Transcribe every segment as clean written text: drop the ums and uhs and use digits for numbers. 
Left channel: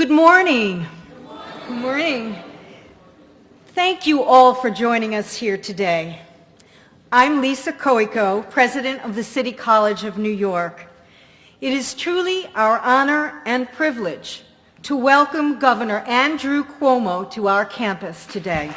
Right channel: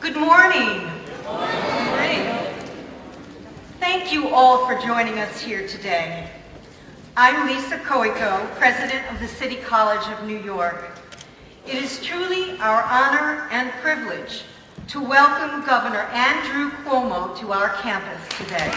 Good morning. Good morning. Thank you all for joining us here today. I'm Lisa Coico, President of the City College of New York. It is truly our honor and privilege to welcome Governor Andrew Cuomo to our campus today.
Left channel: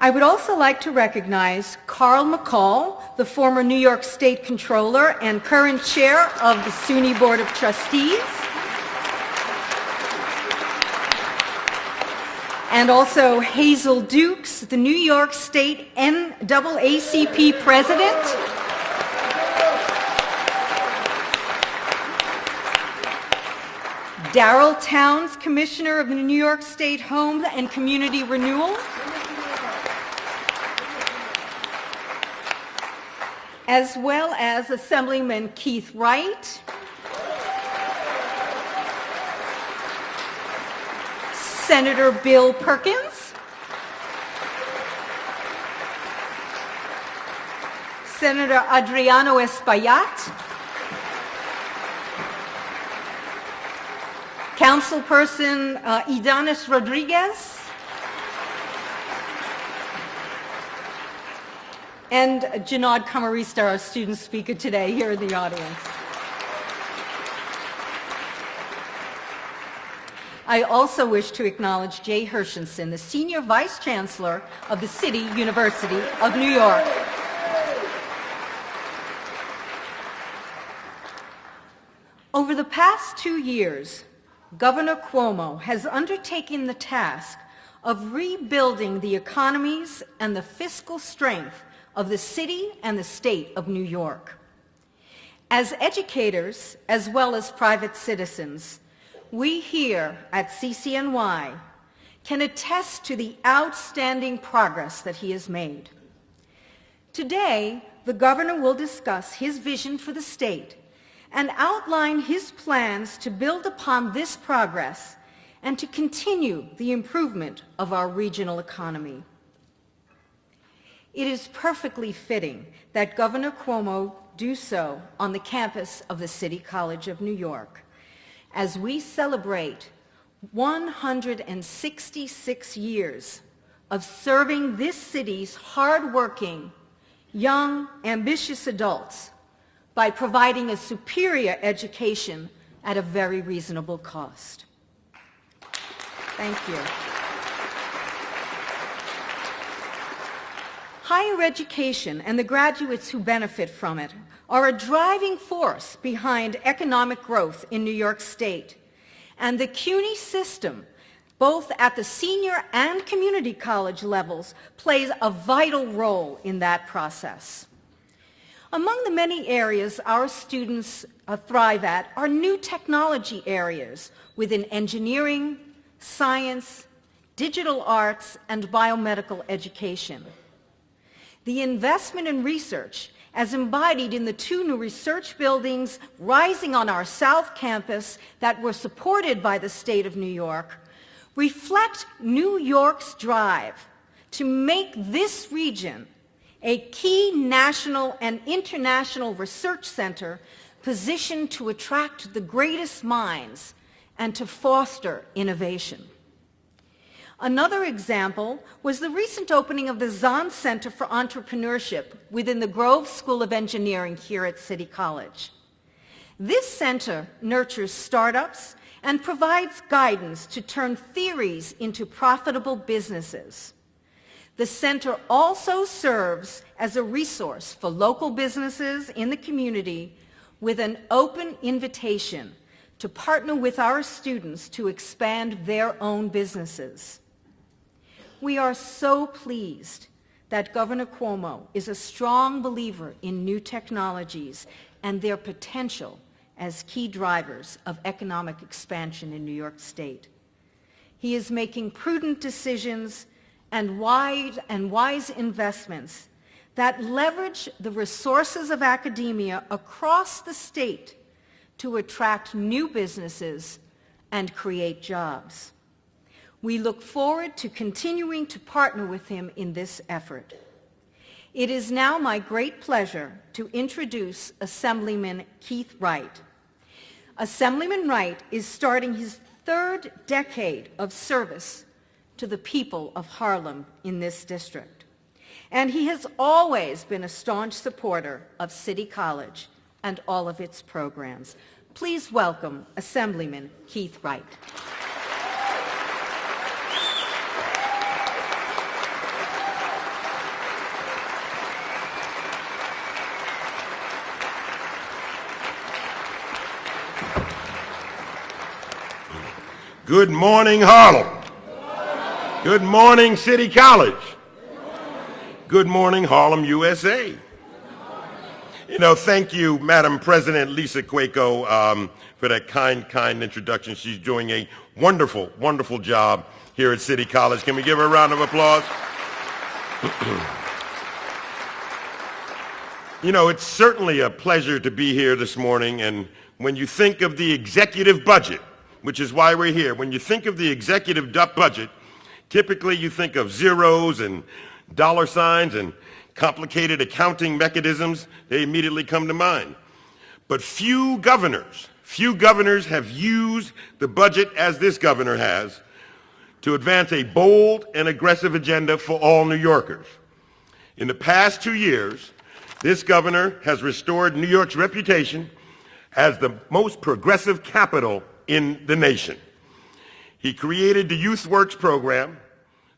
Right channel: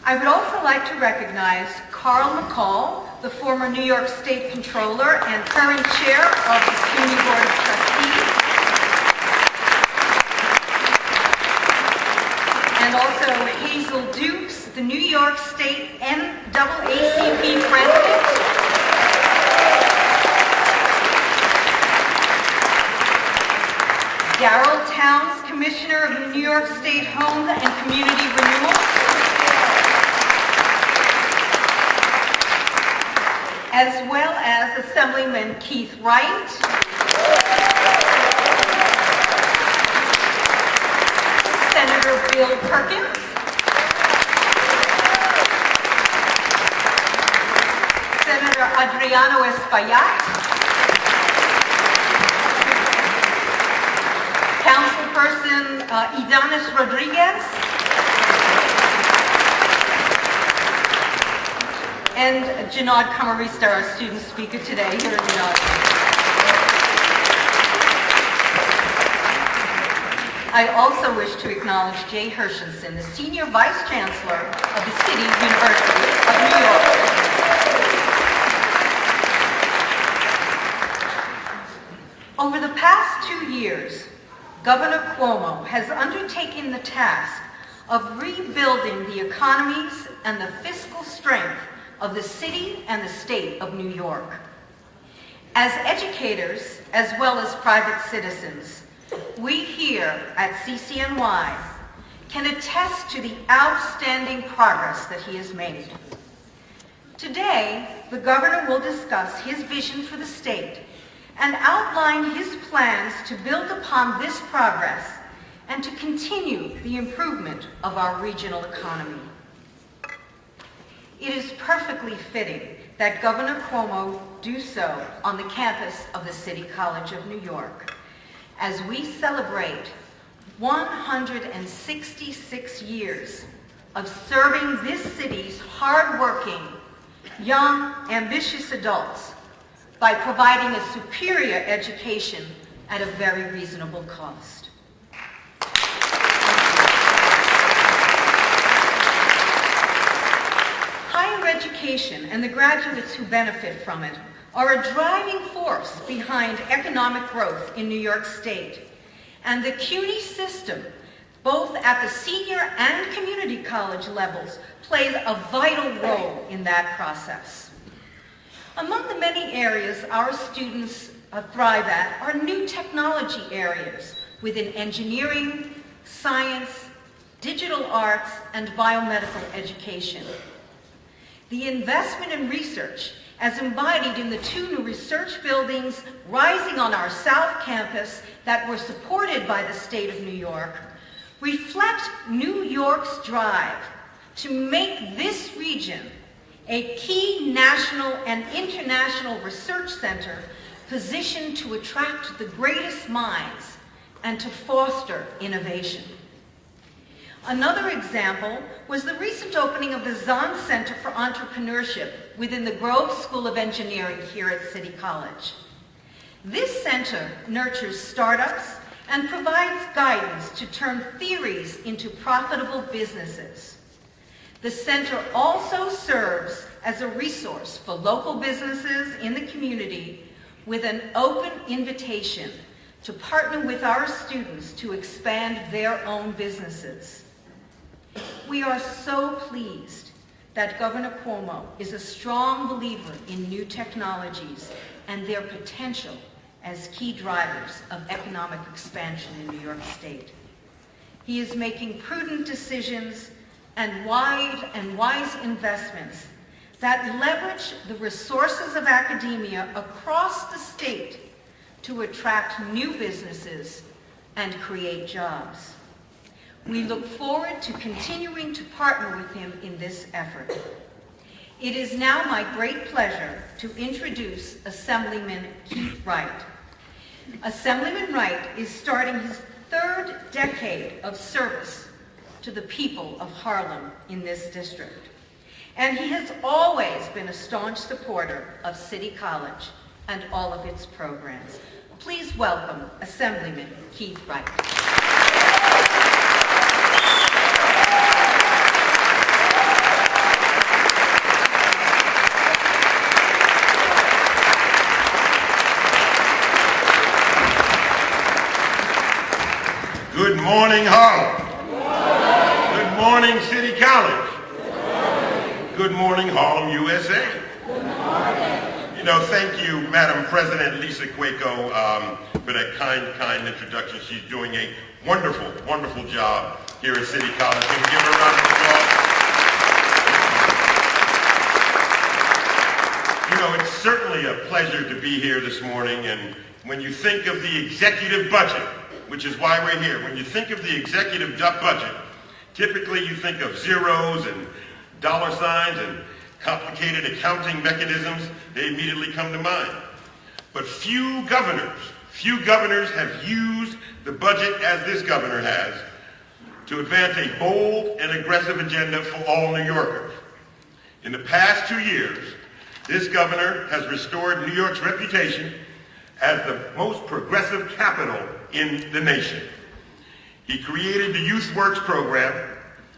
I would also like to recognize Carl McCall, the former New York State Comptroller and current chair of the SUNY Board of Trustees, and also Hazel Dukes, the New York State NAACP President, Darrell Towns, Commissioner of the New York State Home and Community Renewal, as well as Assemblyman Keith Wright, Senator Bill Perkins, Senator Adriano Espaillat, Councilperson Idanis Rodriguez, and Janad Kamarista, our student speaker today, here in the audience. I also wish to acknowledge Jay Hershenson, the Senior Vice Chancellor of the City University of New York. Over the past 2 years, Governor Cuomo has undertaken the task of rebuilding the economies and the fiscal strength of the city and the state of New York. As educators, as well as private citizens, we here at CCNY can attest to the outstanding progress that he has made. Today, the governor will discuss his vision for the state and outline his plans to build upon this progress and to continue the improvement of our regional economy. It is perfectly fitting that Governor Cuomo do so on the campus of the City College of New York as we celebrate 166 years of serving this city's hardworking, young, ambitious adults by providing a superior education at a very reasonable cost. Thank you. Higher education and the graduates who benefit from it are a driving force behind economic growth in New York State. And the CUNY system, both at the senior and community college levels, plays a vital role in that process. Among the many areas our students thrive at are new technology areas within engineering, science, digital arts, and biomedical education. The investment in research, as embodied in the 2 new research buildings rising on our South Campus that were supported by the state of New York, reflect New York's drive to make this region a key national and international research center positioned to attract the greatest minds and to foster innovation. Another example was the recent opening of the Zahn Center for Entrepreneurship within the Grove School of Engineering here at City College. This center nurtures startups and provides guidance to turn theories into profitable businesses. The center also serves as a resource for local businesses in the community with an open invitation to partner with our students to expand their own businesses. We are so pleased that Governor Cuomo is a strong believer in new technologies and their potential as key drivers of economic expansion in New York State. He is making prudent decisions and wise investments that leverage the resources of academia across the state to attract new businesses and create jobs. We look forward to continuing to partner with him in this effort. It is now my great pleasure to introduce Assemblyman Keith Wright. Assemblyman Wright is starting his third decade of service to the people of Harlem in this district. And he has always been a staunch supporter of City College and all of its programs. Please welcome Assemblyman Keith Wright. Good morning, Harlem. Good morning, City College. Good morning, Harlem, USA. You know, thank you, Madam President Lisa Cuomo, for that kind introduction. She's doing a wonderful, wonderful job here at City College. Can we give her a round of applause? You know, it's certainly a pleasure to be here this morning, and when you think of the executive budget, which is why we're here, when you think of the executive budget, typically you think of zeros and dollar signs and complicated accounting mechanisms. They immediately come to mind. But few governors have used the budget as this governor has to advance a bold and aggressive agenda for all New Yorkers. In the past 2 years, this governor has restored New York's reputation as the most progressive capital in the nation. He created the Youth Works program,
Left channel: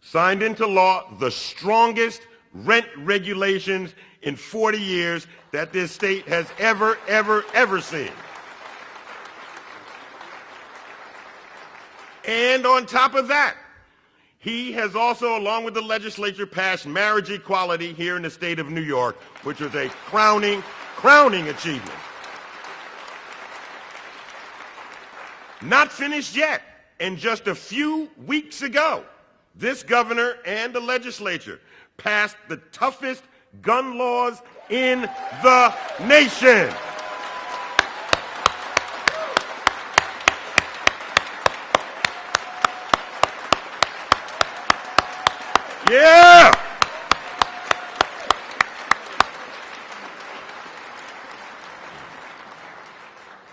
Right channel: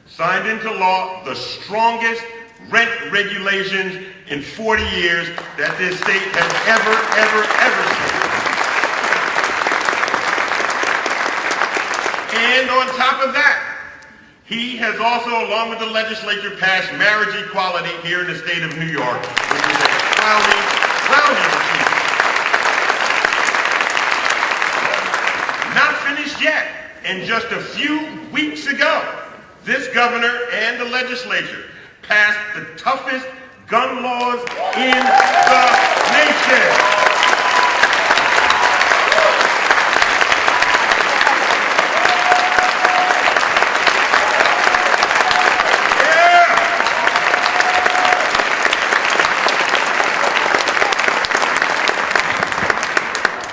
signed into law the strongest rent regulations in 40 years that this state has ever seen. And on top of that, he has also, along with the legislature, passed marriage equality here in the state of New York, which is a crowning achievement. Not finished yet, and just a few weeks ago, this governor and the legislature passed the toughest gun laws in the nation. Yeah!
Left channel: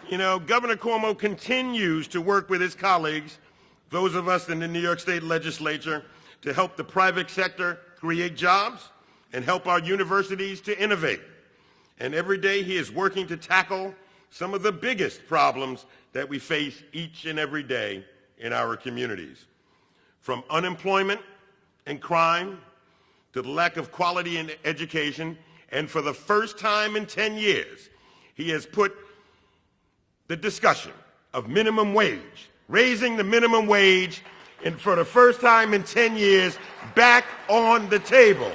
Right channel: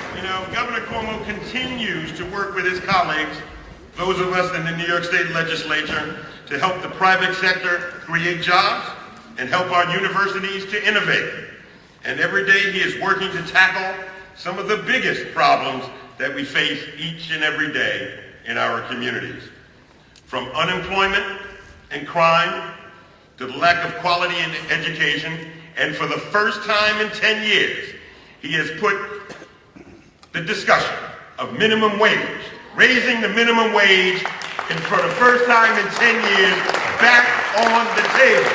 You know, Governor Cuomo continues to work with his colleagues, those of us in the New York State legislature, to help the private sector create jobs and help our universities to innovate. And every day he is working to tackle some of the biggest problems that we face each and every day in our communities. From unemployment and crime to the lack of quality in education, and for the first time in 10 years, he has put the discussion of minimum wage, raising the minimum wage, and for the first time in 10 years, back on the table.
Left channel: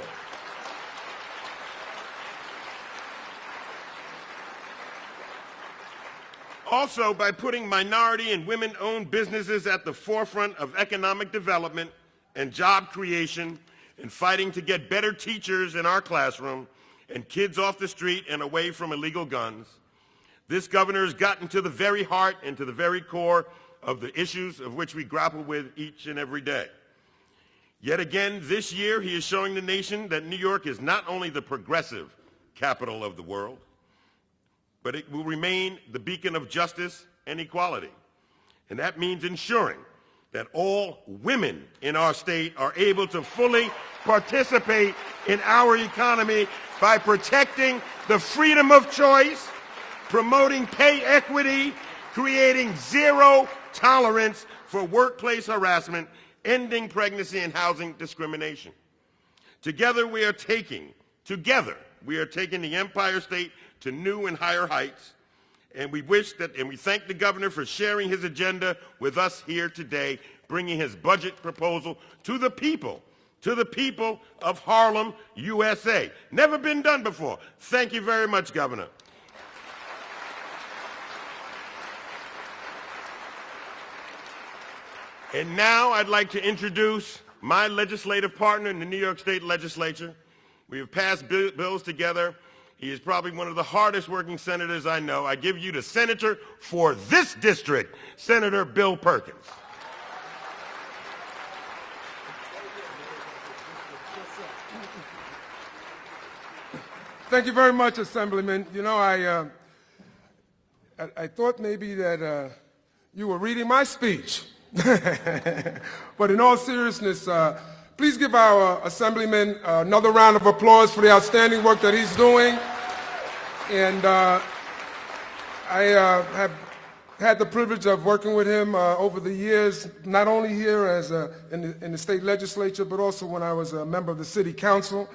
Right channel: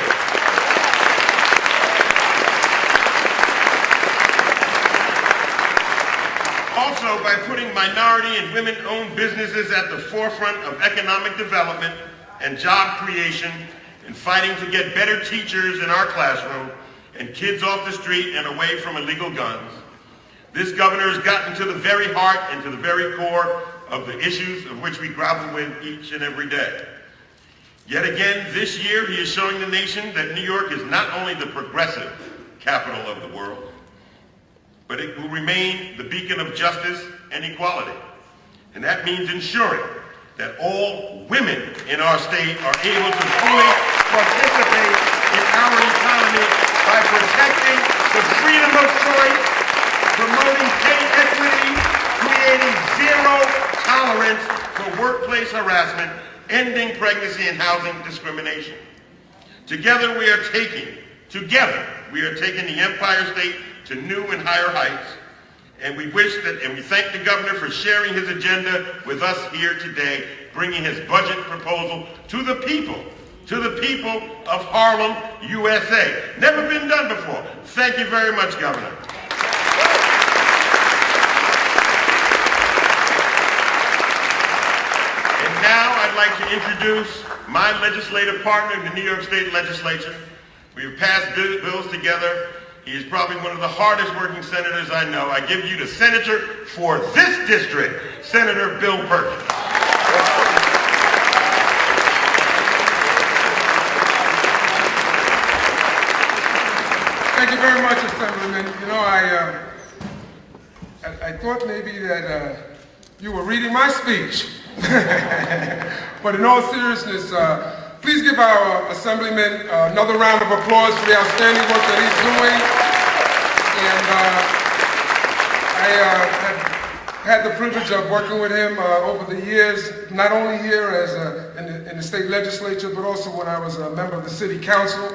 Also, by putting minority and women-owned businesses at the forefront of economic development and job creation, and fighting to get better teachers in our classroom and kids off the street and away from illegal guns, this governor has gotten to the very heart and to the very core of the issues of which we grapple with each and every day. Yet again, this year, he is showing the nation that New York is not only the progressive capital of the world, but it will remain the beacon of justice and equality. And that means ensuring that all women in our state are able to fully participate in our economy by protecting the freedom of choice, promoting pay equity, creating zero tolerance for workplace harassment, ending pregnancy and housing discrimination. Together we are taking the Empire State to new and higher heights, and we thank the governor for sharing his agenda with us here today, bringing his budget proposal to the people of Harlem, USA. Never been done before. Thank you very much, Governor. And now I'd like to introduce my legislative partner in the New York State Legislature. We've passed bills together. He is probably one of the hardest working senators I know. I give you the senator for this district, Senator Bill Perkins. Thank you very much, Assemblyman. You know, I thought maybe that you were reading my speech. But in all seriousness, please give our Assemblyman another round of applause for the outstanding work that he's doing. And I've had the privilege of working with him over the years, not only here as in the state legislature, but also when I was a member of the city council.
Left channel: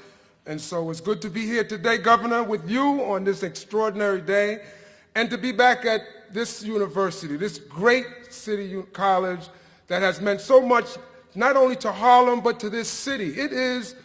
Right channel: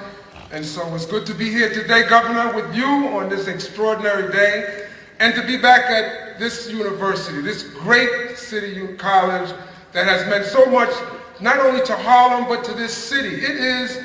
And so it's good to be here today, Governor, with you on this extraordinary day, and to be back at this university, this great city and college that has meant so much, not only to Harlem, but to this city. It is,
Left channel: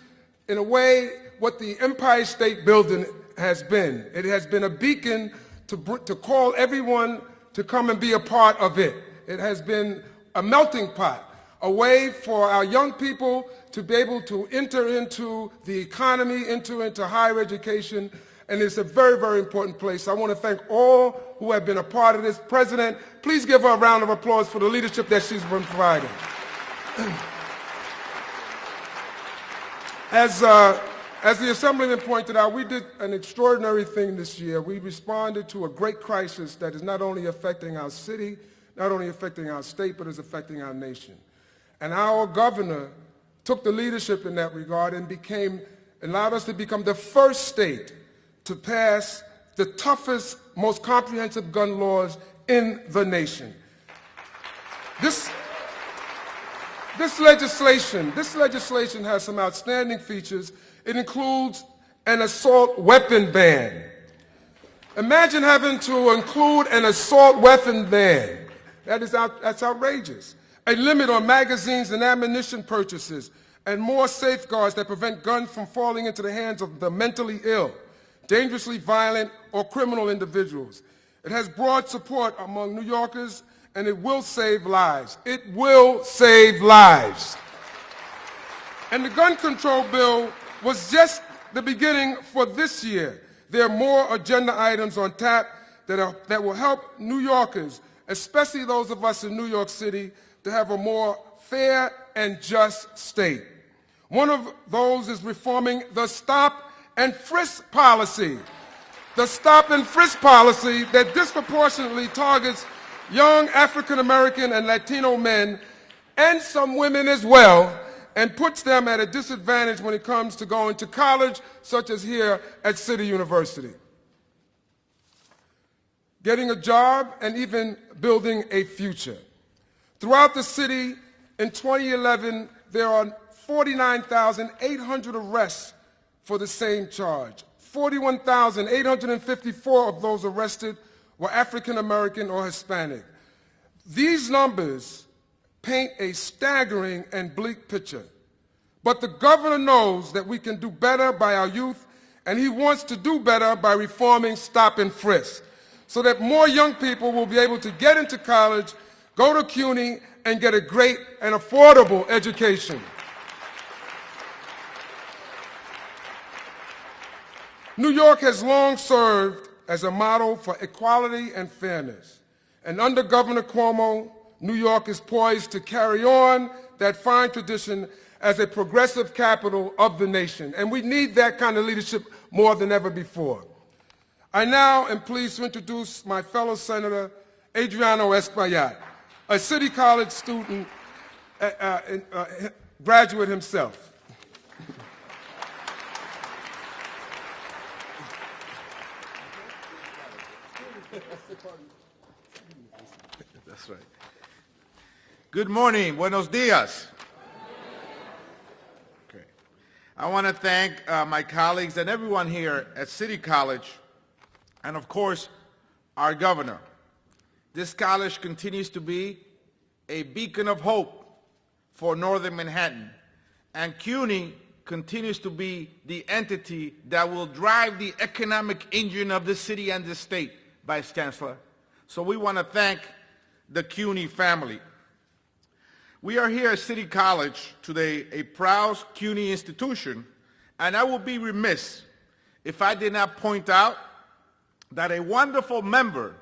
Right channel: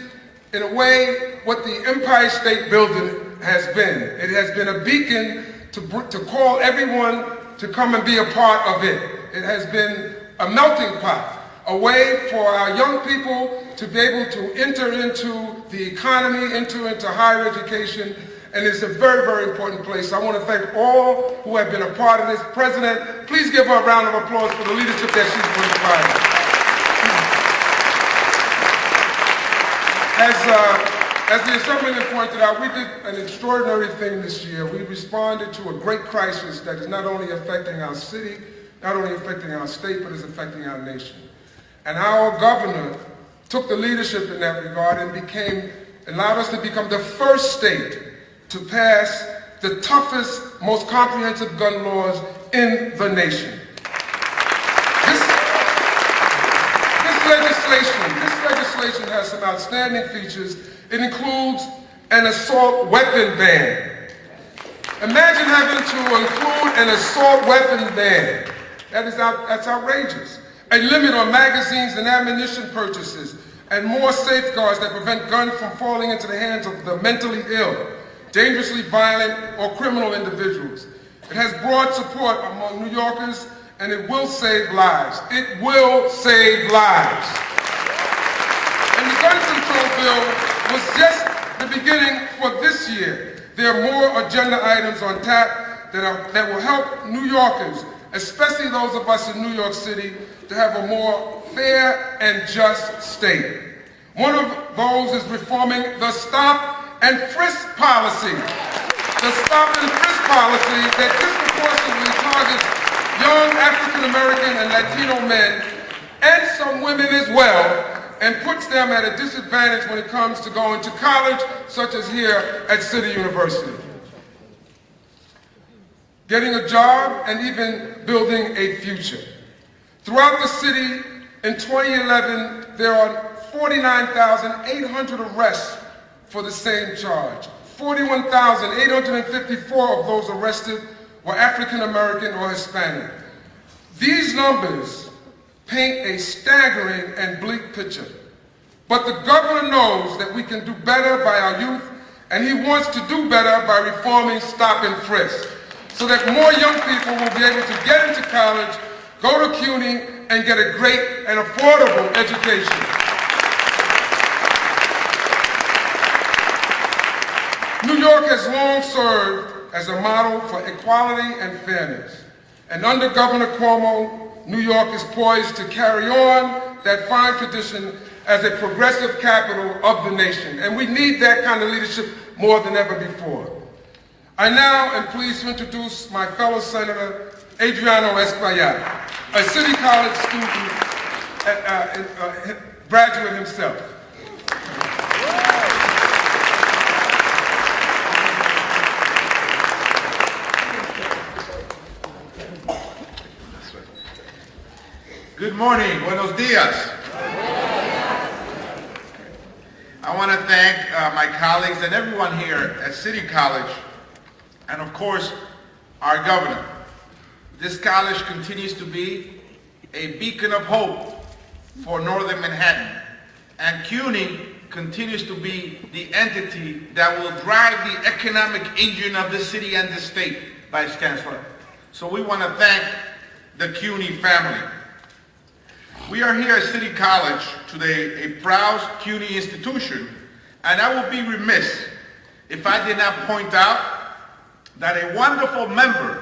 in a way, what the Empire State Building has been. It has been a beacon to call everyone to come and be a part of it. It has been a melting pot, a way for our young people to be able to enter into the economy, enter into higher education, and it's a very, very important place. So I want to thank all who have been a part of this. President, please give her a round of applause for the leadership that she's providing. As the Assemblyman pointed out, we did an extraordinary thing this year. We responded to a great crisis that is not only affecting our city, not only affecting our state, but is affecting our nation. And our governor took the leadership in that regard and allowed us to become the first state to pass the toughest, most comprehensive gun laws in the nation. This legislation has some outstanding features. It includes an assault weapon ban. Imagine having to include an assault weapon ban. That's outrageous. A limit on magazines and ammunition purchases, and more safeguards that prevent guns from falling into the hands of the mentally ill, dangerously violent, or criminal individuals. It has broad support among New Yorkers, and it will save lives. It will save lives. And the gun control bill was just the beginning for this year. There are more agenda items on tap that will help New Yorkers, especially those of us in New York City, to have a more fair and just state. One of those is reforming the stop and frisk policy. The stop and frisk policy that disproportionately targets young African American and Latino men, and some women as well, and puts them at a disadvantage when it comes to going to college, such as here at City University. Getting a job and even building a future. Throughout the city, in 2011, there are 49,800 arrests for the same charge. 41,854 of those arrested were African American or Hispanic. These numbers paint a staggering and bleak picture. But the governor knows that we can do better by our youth, and he wants to do better by reforming stop and frisk, so that more young people will be able to get into college, go to CUNY, and get a great and affordable education. New York has long served as a model for equality and fairness. And under Governor Cuomo, New York is poised to carry on that fine tradition as a progressive capital of the nation. And we need that kind of leadership more than ever before. I now am pleased to introduce my fellow Senator, Adriano Espaillat, a City College student, graduate himself. Good morning, buenos dias. I want to thank my colleagues and everyone here at City College, and of course, our governor. This college continues to be a beacon of hope for Northern Manhattan, and CUNY continues to be the entity that will drive the economic engine of the city and the state, Vice Chancellor. So we want to thank the CUNY family. We are here at City College today, a proud CUNY institution, and I would be remiss if I did not point out that a wonderful member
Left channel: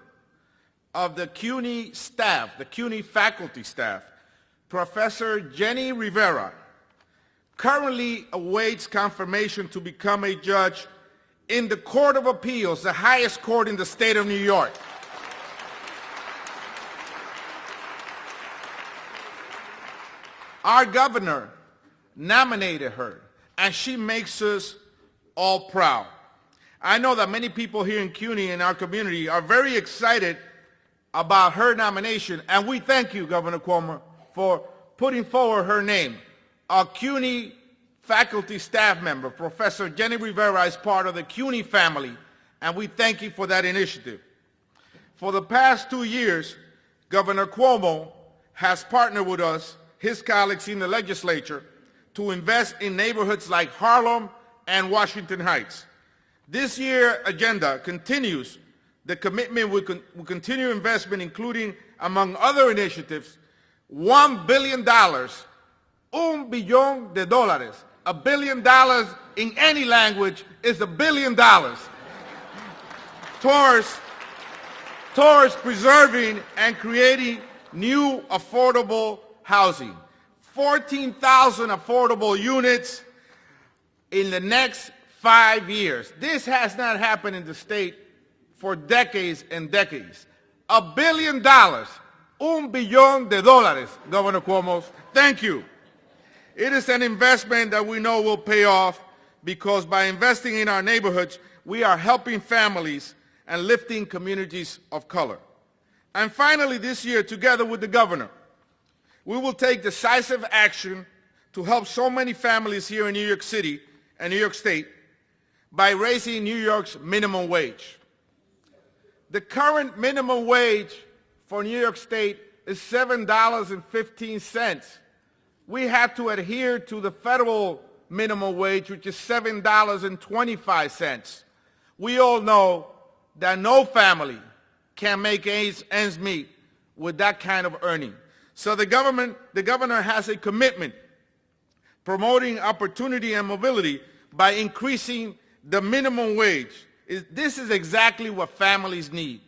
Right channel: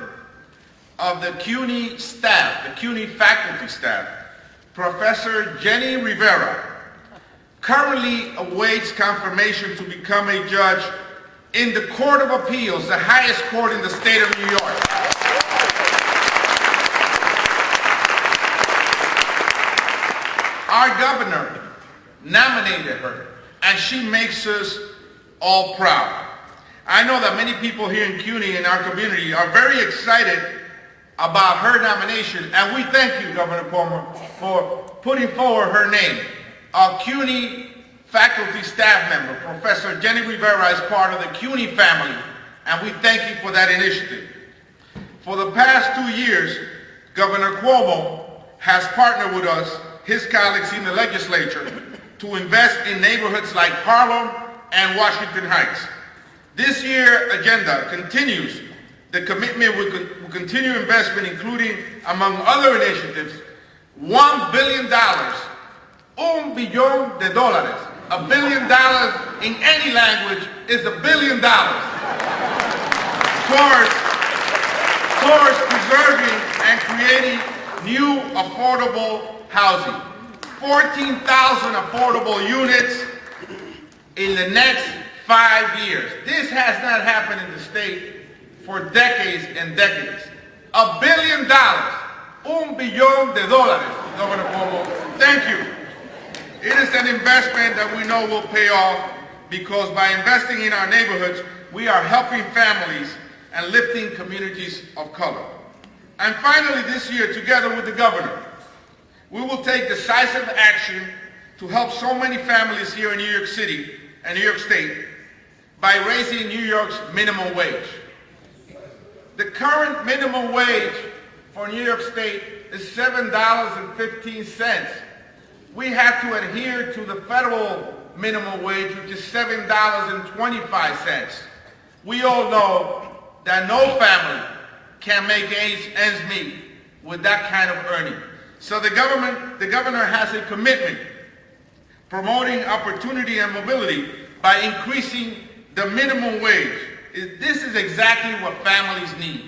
of the CUNY staff, the CUNY faculty staff, Professor Jenny Rivera, currently awaits confirmation to become a judge in the Court of Appeals, the highest court in the state of New York. Our governor nominated her, and she makes us all proud. I know that many people here in CUNY in our community are very excited about her nomination, and we thank you, Governor Cuomo, for putting forward her name. Our CUNY faculty staff member, Professor Jenny Rivera, is part of the CUNY family, and we thank you for that initiative. For the past 2 years, Governor Cuomo has partnered with us, his colleagues in the legislature, to invest in neighborhoods like Harlem and Washington Heights. This year's agenda continues the commitment with continued investment, including, among other initiatives, $1 billion, $1 billion. $1 billion in any language is $1 billion towards preserving and creating new affordable housing. 14,000 affordable units in the next 5 years. This has not happened in the state for decades and decades. $1 billion, $1 billion, Governor Cuomo. Thank you. It is an investment that we know will pay off because by investing in our neighborhoods, we are helping families and lifting communities of color. And finally, this year, together with the governor, we will take decisive action to help so many families here in New York City and New York State by raising New York's minimum wage. The current minimum wage for New York State is $7.15. We have to adhere to the federal minimum wage, which is $7.25. We all know that no family can make ends meet with that kind of earning. So the governor has a commitment promoting opportunity and mobility by increasing the minimum wage. This is exactly what families need.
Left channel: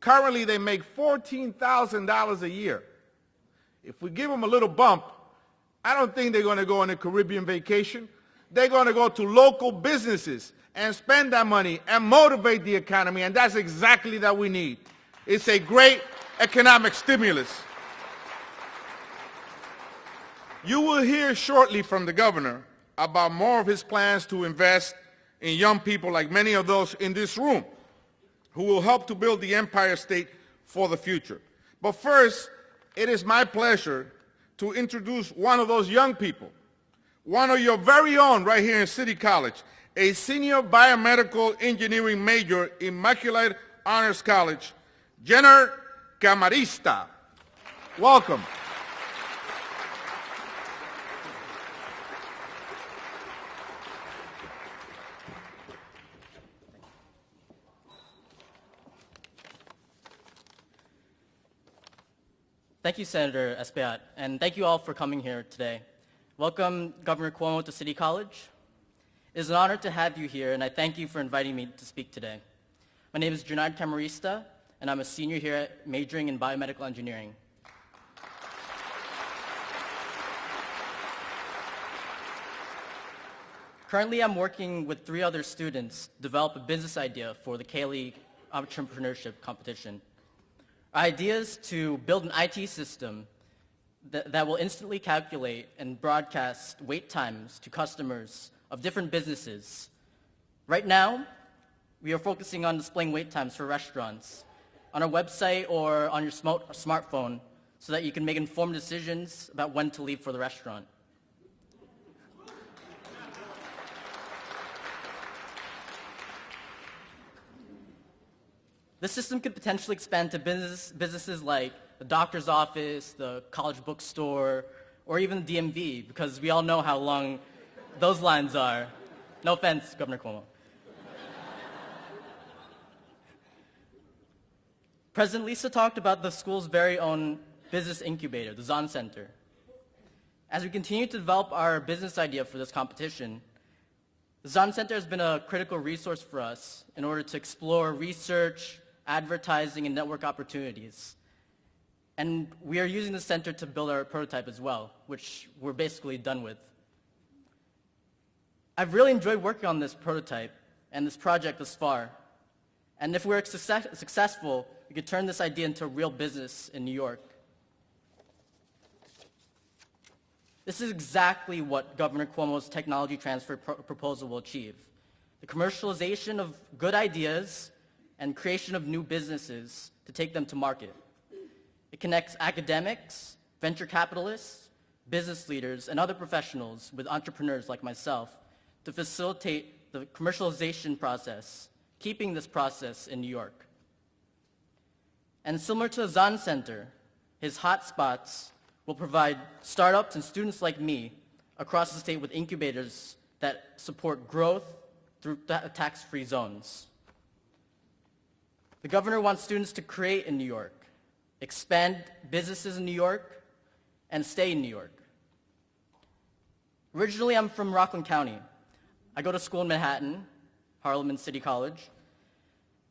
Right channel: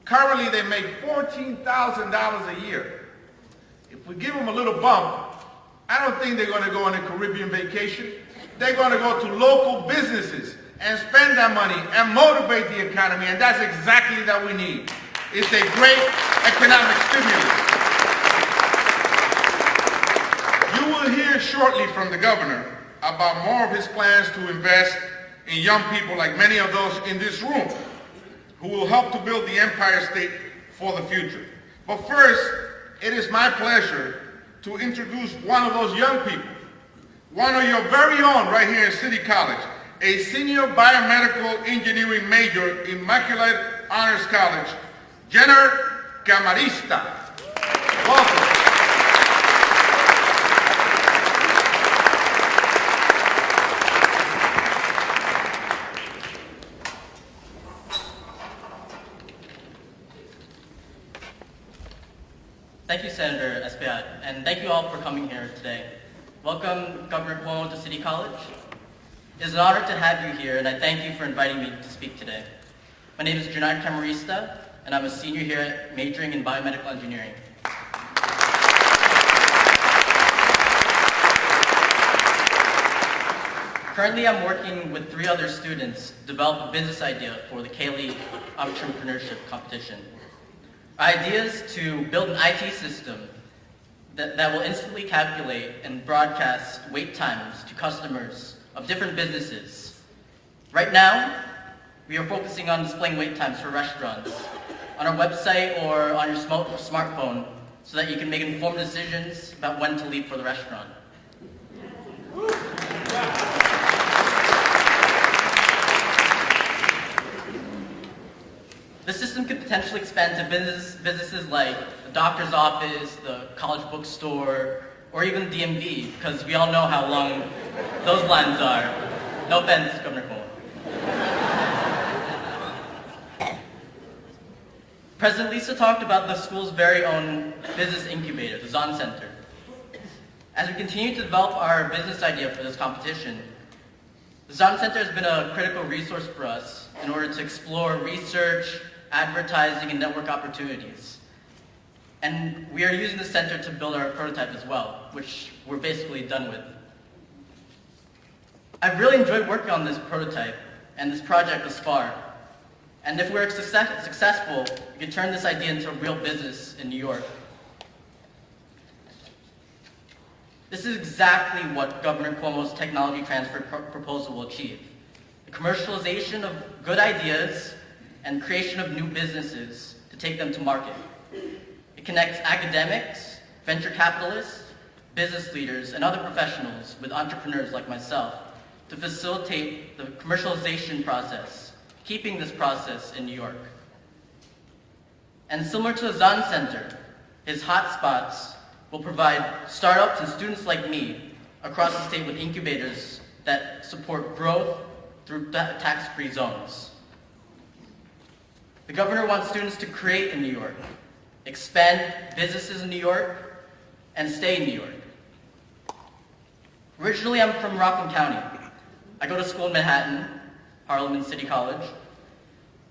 Currently, they make $14,000 a year. If we give them a little bump, I don't think they're going to go on a Caribbean vacation. They're going to go to local businesses and spend that money and motivate the economy, and that's exactly what we need. It's a great economic stimulus. You will hear shortly from the governor about more of his plans to invest in young people like many of those in this room who will help to build the Empire State for the future. But first, it is my pleasure to introduce one of those young people, one of your very own right here at City College, a senior biomedical engineering major in Immaculate Honors College, Jenner Camarista. Welcome. Thank you, Senator Espaillat, and thank you all for coming here today. Welcome, Governor Cuomo, to City College. It is an honor to have you here, and I thank you for inviting me to speak today. My name is Jenner Camarista, and I'm a senior here majoring in biomedical engineering. Currently, I'm working with 3 other students to develop a business idea for the K-League Entrepreneurship Competition. Our idea is to build an IT system that will instantly calculate and broadcast wait times to customers of different businesses. Right now, we are focusing on displaying wait times for restaurants on our website or on your smartphone so that you can make informed decisions about when to leave for the restaurant. The system could potentially expand to businesses like the doctor's office, the college bookstore, or even DMV, because we all know how long those lines are. No offense, Governor Cuomo. President Lisa talked about the school's very own business incubator, the Zahn Center. As we continue to develop our business idea for this competition, the Zahn Center has been a critical resource for us in order to explore research, advertising, and network opportunities. And we are using the center to build our prototype as well, which we're basically done with. I've really enjoyed working on this prototype, and this project was far. And if we're successful, we can turn this idea into a real business in New York. This is exactly what Governor Cuomo's technology transfer proposal will achieve. The commercialization of good ideas and creation of new businesses to take them to market. It connects academics, venture capitalists, business leaders, and other professionals with entrepreneurs like myself to facilitate the commercialization process, keeping this process in New York. And similar to the Zahn Center, his hotspots will provide startups and students like me across the state with incubators that support growth through tax-free zones. The governor wants students to create in New York, expand businesses in New York, and stay in New York. Originally, I'm from Rockland County. I go to school in Manhattan, Harlem City College,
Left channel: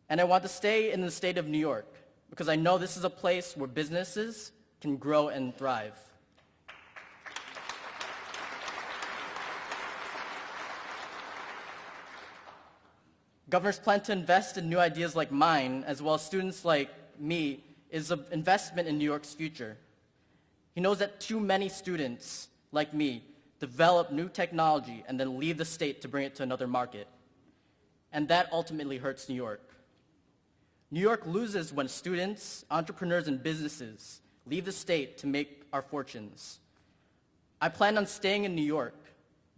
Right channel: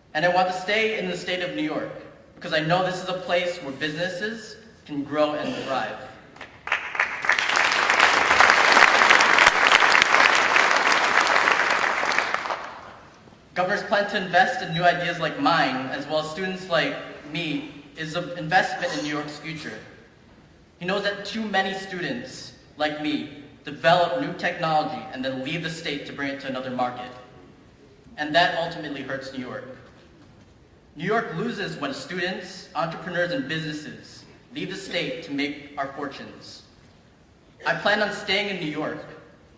and I want to stay in the state of New York because I know this is a place where businesses can grow and thrive. Governor's plan to invest in new ideas like mine, as well as students like me, is an investment in New York's future. He knows that too many students, like me, develop new technology and then leave the state to bring it to another market. And that ultimately hurts New York. New York loses when students, entrepreneurs, and businesses leave the state to make our fortunes. I plan on staying in New York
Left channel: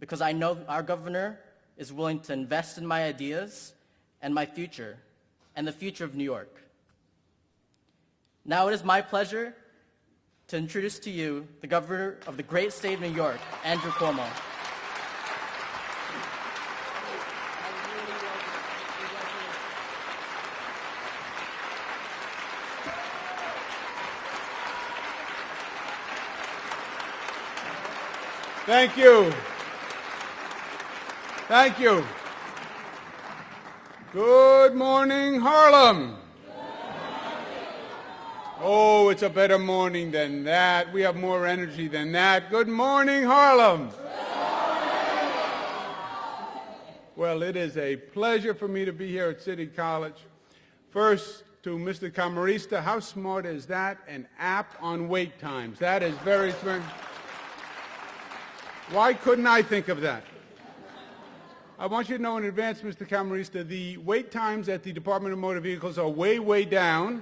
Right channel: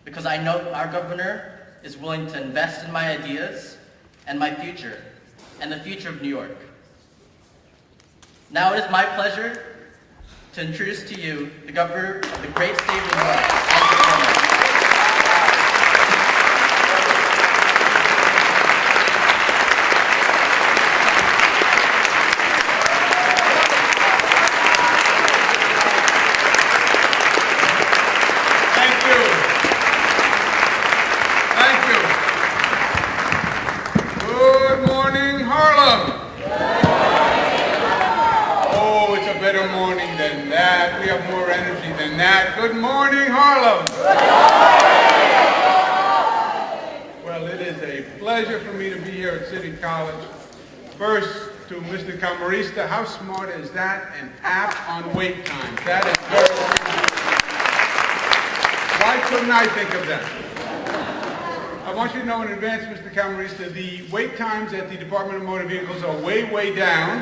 because I know our governor is willing to invest in my ideas and my future, and the future of New York. Now it is my pleasure to introduce to you the governor of the great state of New York. Thank you very much. Thank you. Thank you. Good morning, Harlem. Oh, it's a better morning than that. We have more energy than that. Good morning, Harlem. Well, it is a pleasure for me to be here at City College. First, to Mr. Camarista, how smart is that? An app on wait time. That is very smart. Why couldn't I think of that? I want you to know in advance, Mr. Camarista, the wait times at the Department of Motor Vehicles are way, way down.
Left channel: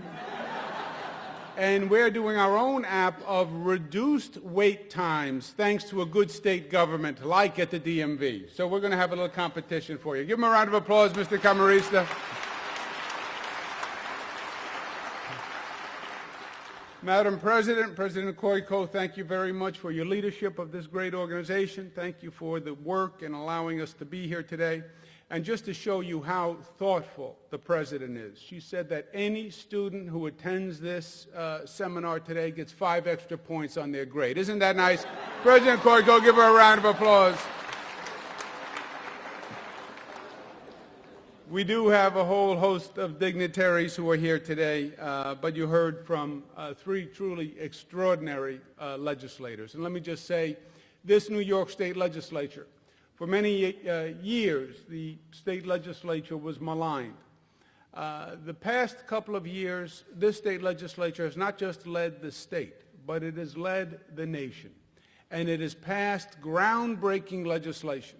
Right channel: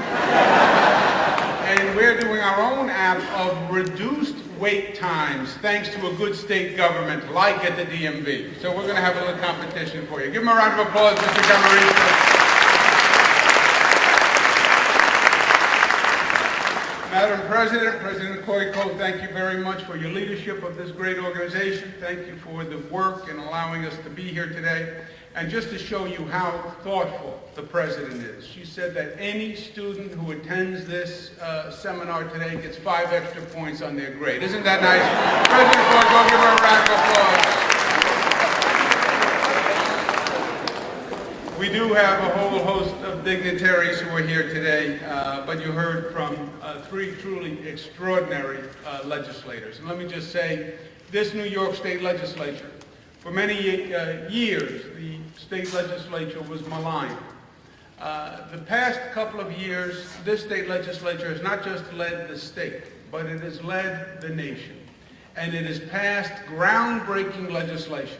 And we're doing our own app of reduced wait times thanks to a good state government like at the DMV. So we're going to have a little competition for you. Give him a round of applause, Mr. Camarista. Madam President, President Koiko, thank you very much for your leadership of this great organization. Thank you for the work in allowing us to be here today. And just to show you how thoughtful the President is, she said that any student who attends this seminar today gets 5 extra points on their grade. Isn't that nice? President Koiko, give her a round of applause. We do have a whole host of dignitaries who are here today, but you heard from 3 truly extraordinary legislators. And let me just say, this New York State Legislature, for many years, the state legislature was maligned. The past couple of years, this state legislature has not just led the state, but it has led the nation. And it has passed groundbreaking legislation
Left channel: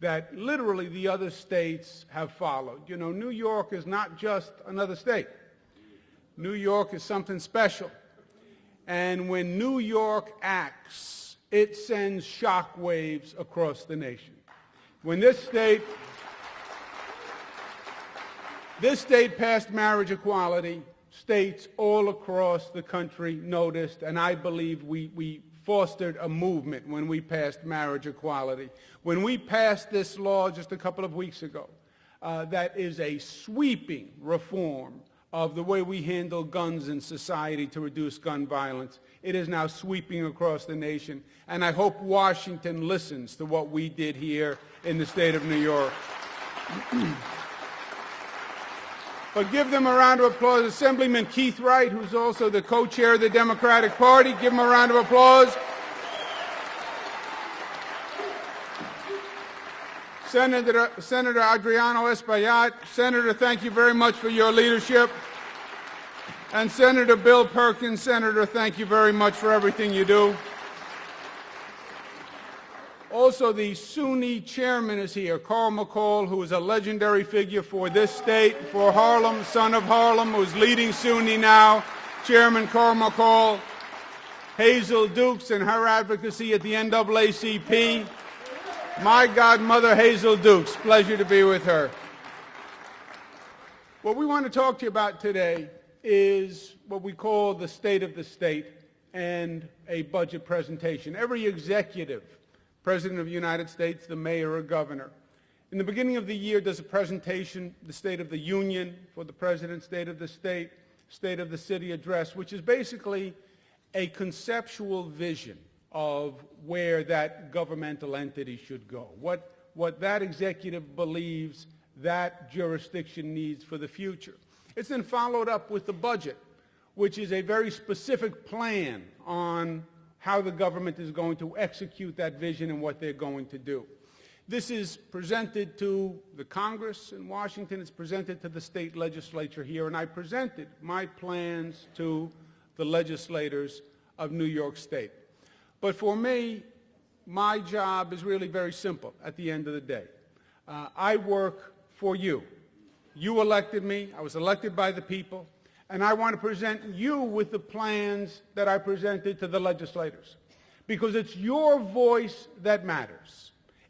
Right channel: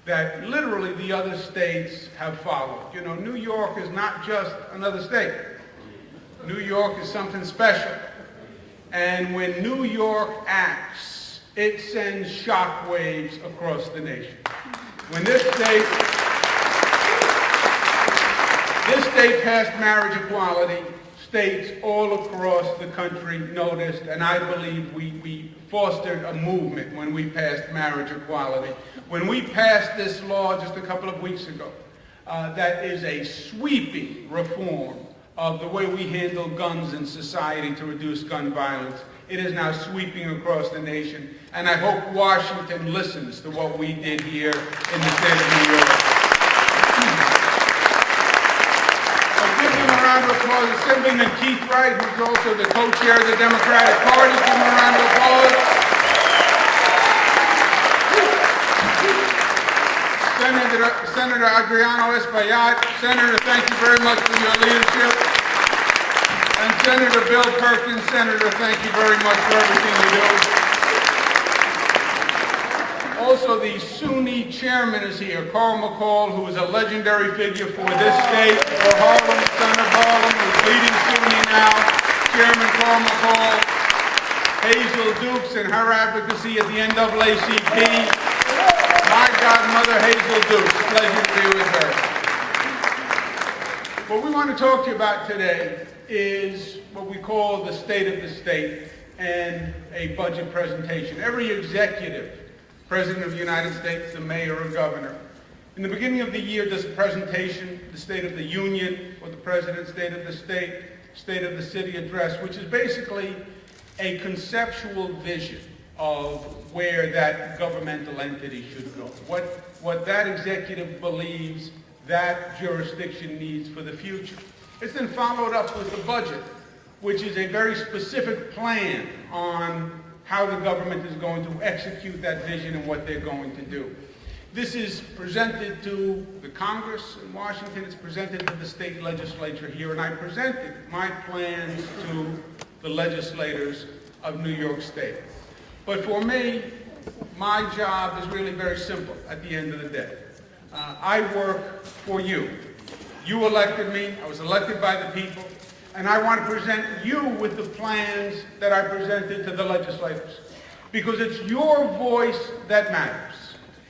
that literally the other states have followed. You know, New York is not just another state. New York is something special. And when New York acts, it sends shockwaves across the nation. When this state passed marriage equality, states all across the country noticed, and I believe we fostered a movement when we passed marriage equality. When we passed this law just a couple of weeks ago, that is a sweeping reform of the way we handle guns in society to reduce gun violence. It is now sweeping across the nation, and I hope Washington listens to what we did here in the state of New York. So give them a round of applause. Assemblyman Keith Wright, who's also the co-chair of the Democratic Party. Give him a round of applause. Senator Adriano Espaillat. Senator, thank you very much for your leadership. And Senator Bill Perkins, Senator, thank you very much for everything you do. Also, the SUNY chairman is here, Carl McCall, who's a legendary figure for this state, for Harlem, son of Harlem, who's leading SUNY now. Chairman Carl McCall, Hazel Dukes and her advocacy at the NAACP. My godmother, Hazel Dukes. Pleasure to be with her. What we want to talk to you about today is what we call the state of the state and a budget presentation. Every executive, President of the United States, the mayor, and governor. In the beginning of the year, this presentation, the State of the Union, with the President, State of the State, State of the City address, which is basically a conceptual vision of where that governmental entity should go. What that executive believes that jurisdiction needs for the future. It's then followed up with the budget, which is a very specific plan on how the government is going to execute that vision and what they're going to do. This is presented to the Congress in Washington, it's presented to the state legislature here, and I presented my plans to the legislators of New York State. But for me, my job is really very simple at the end of the day. I work for you. You elected me, I was elected by the people, and I want to present you with the plans that I presented to the legislators. Because it's your voice that matters.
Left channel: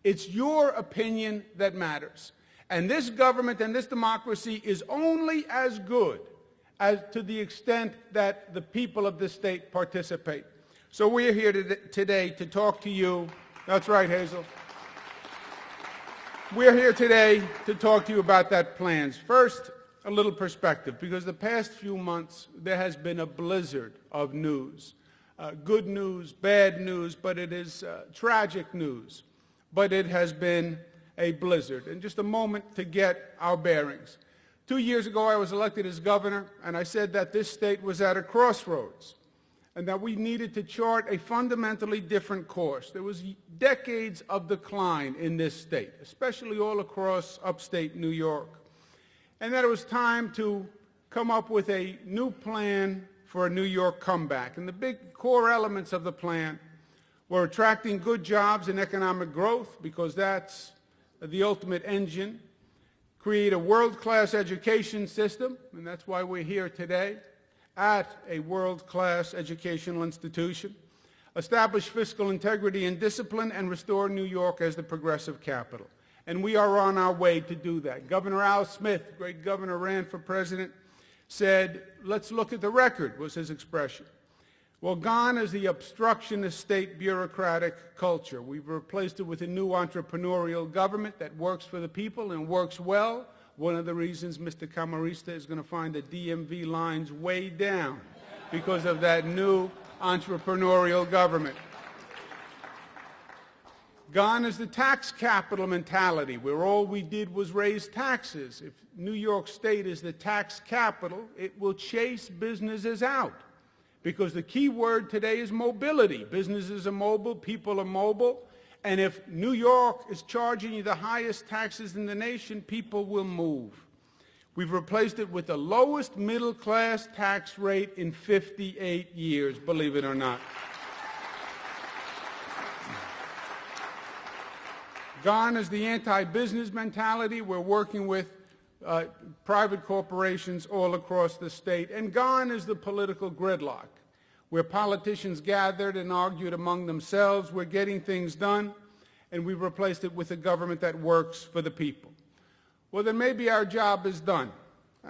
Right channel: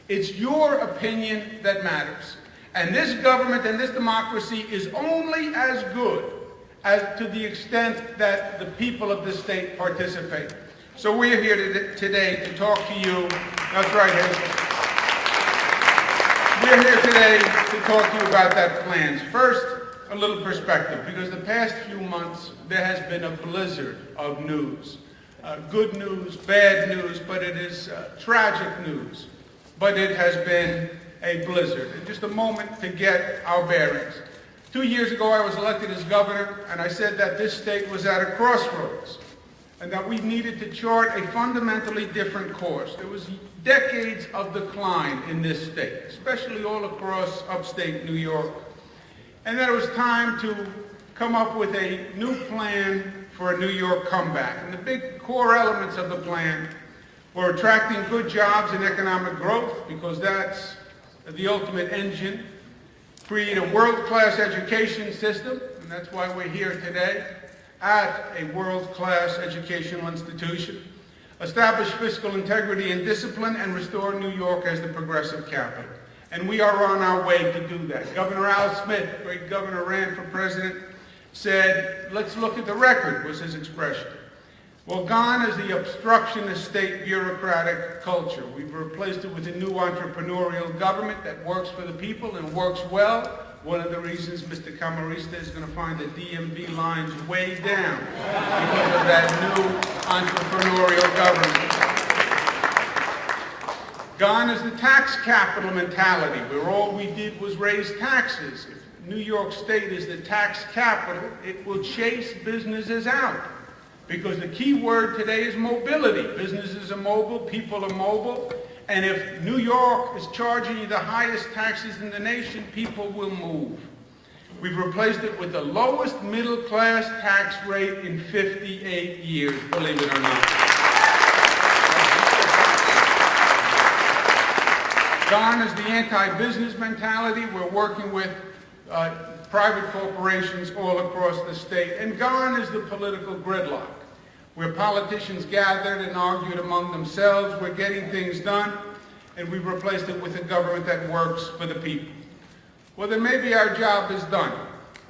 It's your opinion that matters. And this government and this democracy is only as good as to the extent that the people of the state participate. So we're here today to talk to you. That's right, Hazel. We're here today to talk to you about that plans. First, a little perspective, because the past few months there has been a blizzard of news. Good news, bad news, but it is tragic news. But it has been a blizzard. Just a moment to get our bearings. 2 years ago I was elected as governor, and I said that this state was at a crossroads, and that we needed to chart a fundamentally different course. There was decades of decline in this state, especially all across upstate New York. And there was time to come up with a new plan for a New York comeback. And the big core elements of the plan were attracting good jobs and economic growth, because that's the ultimate engine. Create a world-class education system, and that's why we're here today, at a world-class educational institution. Establish fiscal integrity and discipline, and restore New York as the progressive capital. And we are on our way to do that. Governor Al Smith, great governor, ran for president, said, let's look at the record, was his expression. Well, gone is the obstructionist state bureaucratic culture. We've replaced it with a new entrepreneurial government that works for the people and works well. One of the reasons Mr. Camarista is going to find the DMV lines way down because of that new entrepreneurial government. Gone is the tax capital mentality, where all we did was raise taxes. If New York State is the tax capital, it will chase businesses out. Because the key word today is mobility. Businesses are mobile, people are mobile, and if New York is charging you the highest taxes in the nation, people will move. We've replaced it with the lowest middle-class tax rate in 58 years, believe it or not. Gone is the anti-business mentality. We're working with private corporations all across the state. And gone is the political gridlock, where politicians gathered and argued among themselves. We're getting things done, and we've replaced it with a government that works for the people. Well, then maybe our job is done.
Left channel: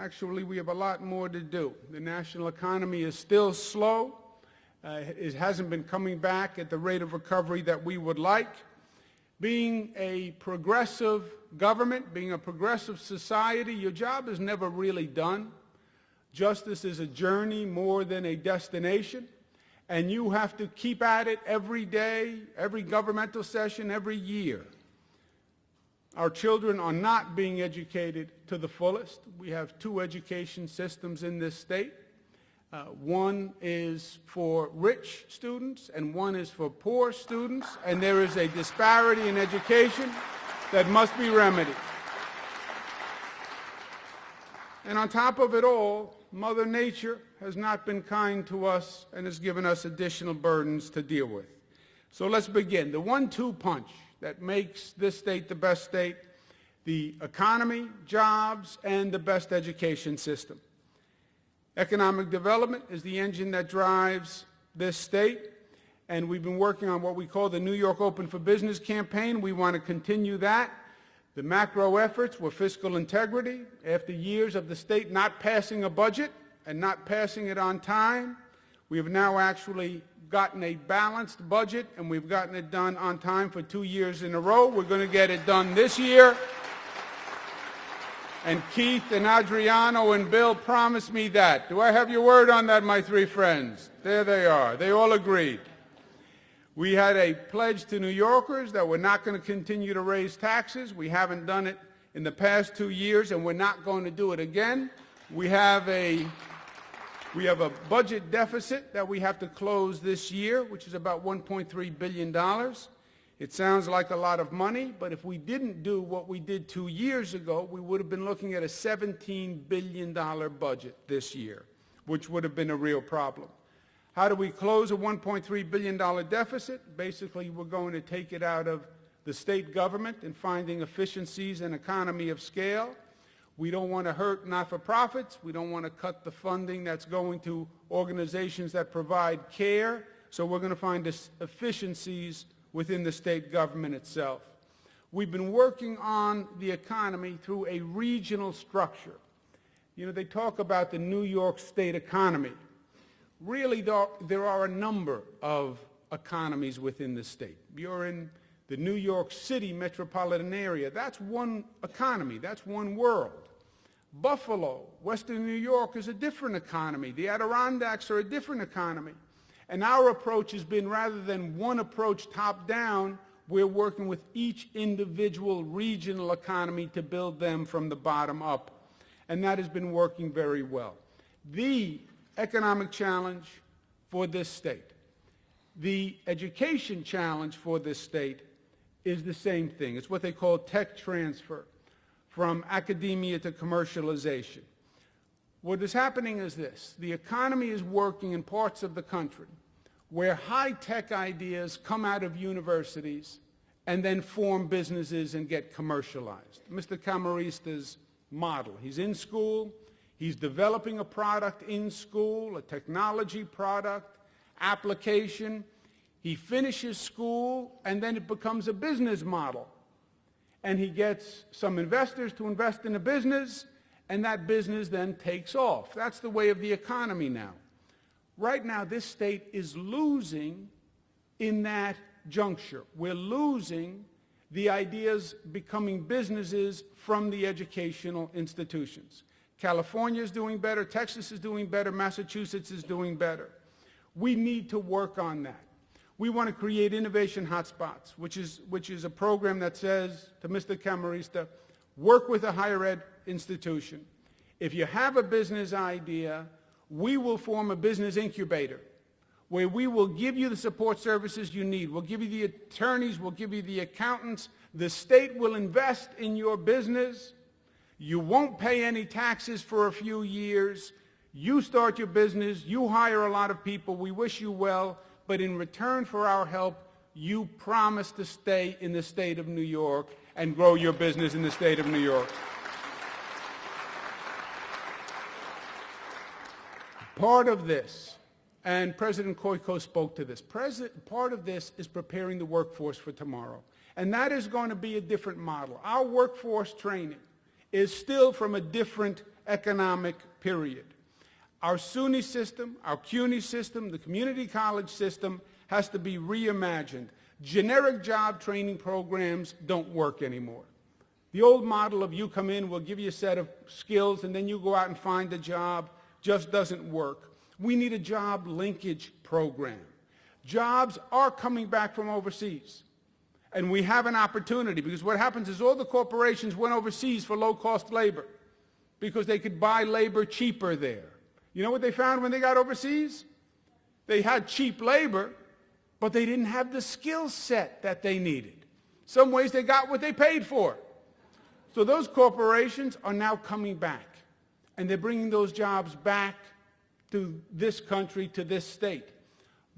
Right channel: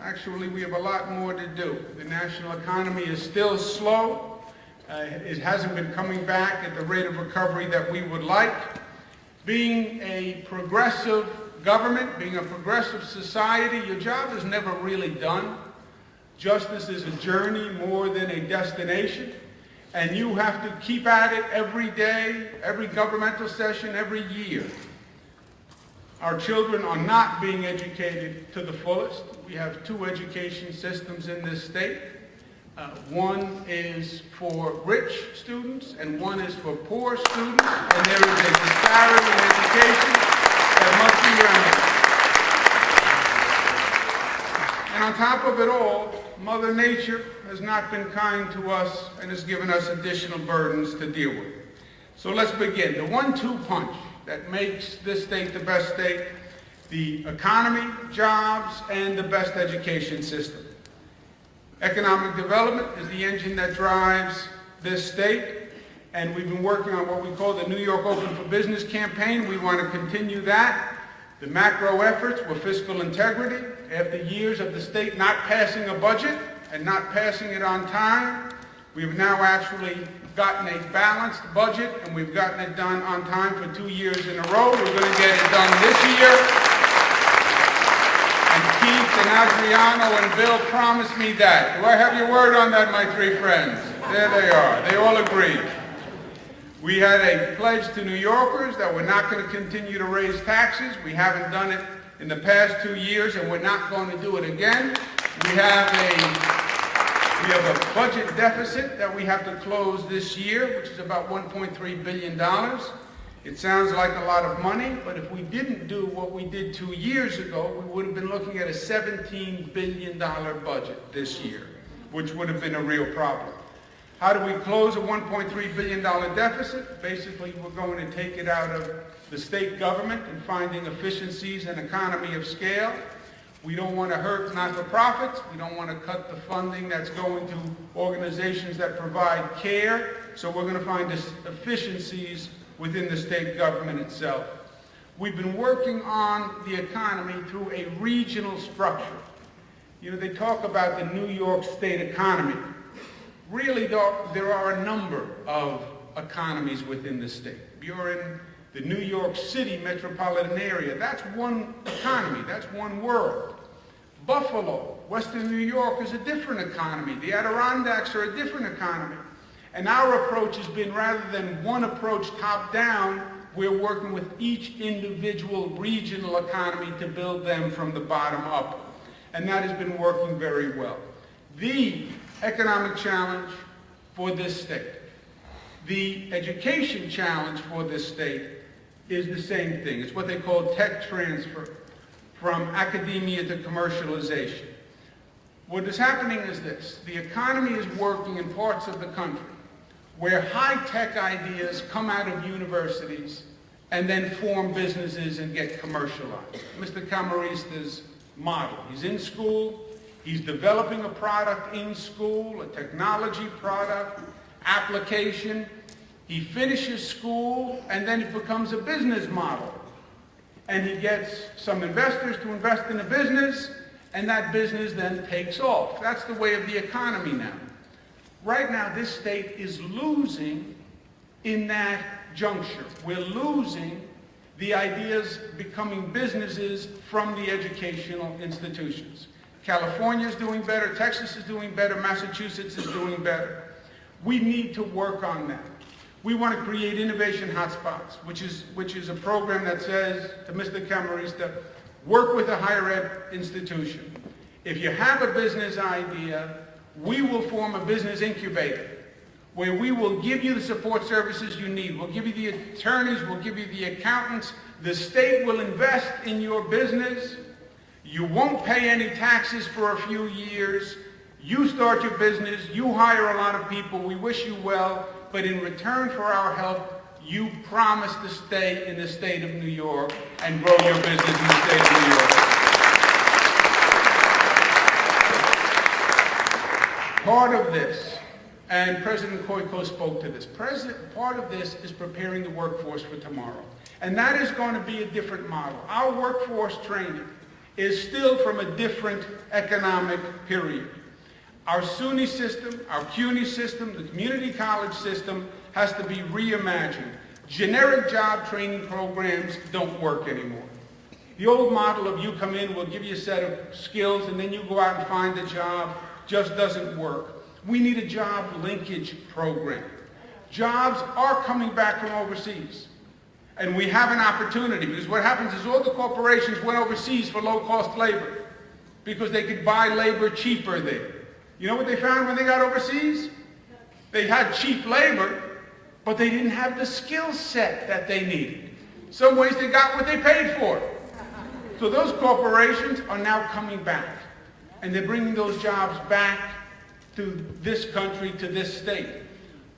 Actually, we have a lot more to do. The national economy is still slow. It hasn't been coming back at the rate of recovery that we would like. Being a progressive government, being a progressive society, your job is never really done. Justice is a journey more than a destination, and you have to keep at it every day, every governmental session, every year. Our children are not being educated to the fullest. We have two education systems in this state. One is for rich students, and one is for poor students, and there is a disparity in education that must be not been kind to us and has given us additional burdens to deal with. So let's begin. The 1-2 punch that makes this state the best state: the economy, jobs, and the best education system. Economic development is the engine that drives this state, and we've been working on what we call the New York Open for Business campaign. We want to continue that. The macro efforts were fiscal integrity. After years of the state not passing a budget and not passing it on time, we've now actually gotten a balanced budget, and we've gotten it done on time for 2 years in a row. We're going to get it done this year. And Keith and Adriano and Bill promised me that. Do I have your word on that, my 3 friends? There they are. They all agreed. We had a pledge to New Yorkers that we're not going to continue to raise taxes. We haven't done it in the past 2 years, and we're not going to do it again. We have a budget deficit that we have to close this year, which is about $1.3 billion. It sounds like a lot of money, but if we didn't do what we did 2 years ago, we would have been looking at a $17 billion budget this year, which would have been a real problem. How do we close a $1.3 billion deficit? Basically, we're going to take it out of the state government and finding efficiencies and economy of scale. We don't want to hurt not-for-profits. We don't want to cut the funding that's going to organizations that provide care. So we're going to find efficiencies within the state government itself. We've been working on the economy through a regional structure. You know, they talk about the New York State economy. Really, there are a number of economies within the state. You're in the New York City metropolitan area. That's one economy. That's one world. Buffalo, Western New York, is a different economy. The Adirondacks are a different economy. And our approach has been, rather than one approach top-down, we're working with each individual regional economy to build them from the bottom up. And that has been working very well. The economic challenge for this state, the education challenge for this state, is the same thing. It's what they call tech transfer from academia to commercialization. What is happening is this: the economy is working in parts of the country where high-tech ideas come out of universities and then form businesses and get commercialized. Mr. Camarista's model. He's in school, he's developing a product in school, a technology product, application. He finishes school and then it becomes a business model. And he gets some investors to invest in the business, and that business then takes off. That's the way of the economy now. Right now, this state is losing in that juncture. We're losing the ideas becoming businesses from the educational institutions. California is doing better, Texas is doing better, Massachusetts is doing better. We need to work on that. We want to create innovation hotspots, which is a program that says to Mr. Camarista, work with a higher ed institution. If you have a business idea, we will form a business incubator where we will give you the support services you need. We'll give you the attorneys, we'll give you the accountants. The state will invest in your business. You won't pay any taxes for a few years. You start your business, you hire a lot of people, we wish you well, but in return for our help, you promise to stay in the state of New York and grow your business in the state of New York. Part of this, and President Koiko spoke to this, part of this is preparing the workforce for tomorrow. And that is going to be a different model. Our workforce training is still from a different economic period. Our SUNY system, our CUNY system, the community college system has to be reimagined. Generic job training programs don't work anymore. The old model of you come in, we'll give you a set of skills, and then you go out and find a job just doesn't work. We need a job linkage program. Jobs are coming back from overseas. And we have an opportunity, because what happens is all the corporations went overseas for low-cost labor because they could buy labor cheaper there. You know what they found when they got overseas? They had cheap labor, but they didn't have the skill set that they needed. Some ways they got what they paid for. So those corporations are now coming back, and they bring those jobs back to this country, to this state.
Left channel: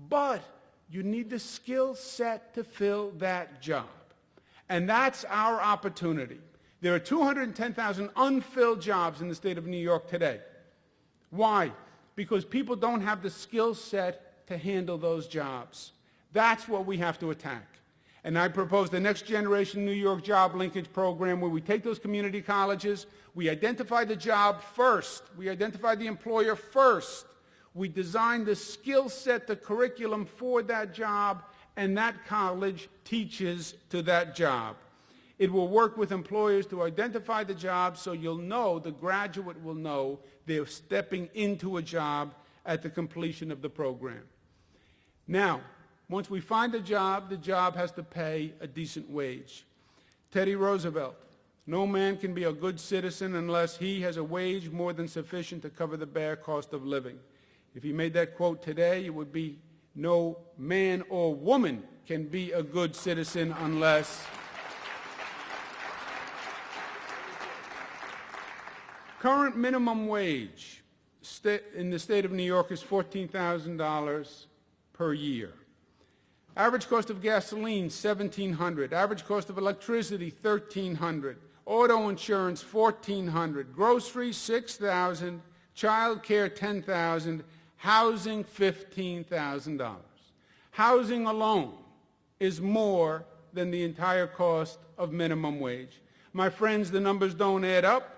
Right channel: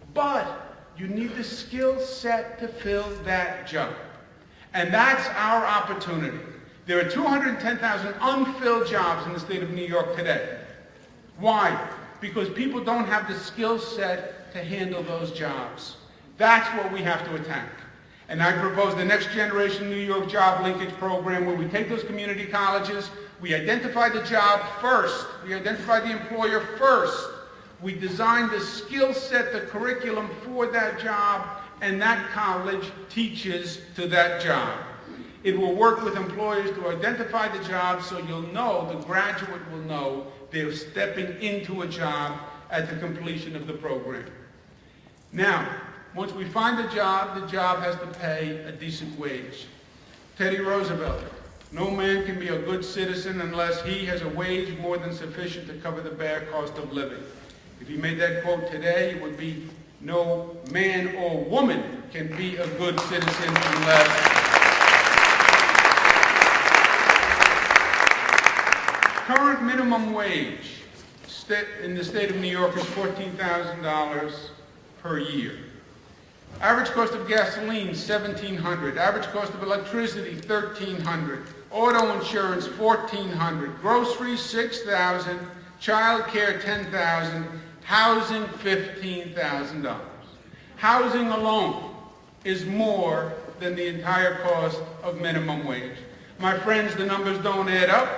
But you need a skill set to fill that job. And that's our opportunity. There are 210,000 unfilled jobs in the state of New York today. Why? Because people don't have the skill set to handle those jobs. That's what we have to attack. And I propose the Next Generation New York Job Linkage Program, where we take those community colleges, we identify the job first, we identify the employer first, we design the skill set, the curriculum for that job, and that college teaches to that job. It will work with employers to identify the job so you'll know, the graduate will know, they're stepping into a job at the completion of the program. Now, once we find the job has to pay a decent wage. Teddy Roosevelt, no man can be a good citizen unless he has a wage more than sufficient to cover the bad cost of living. If you made that quote today, it would be, no man or woman can be a good citizen unless. Current minimum wage in the state of New York is $14,000 per year. Average cost of gasoline, $1,700. Average cost of electricity, $1,300. Auto insurance, $1,400. Groceries, $6,000. Child care, $10,000. Housing, $15,000. Housing alone is more than the entire cost of minimum wage. My friends, the numbers don't add up.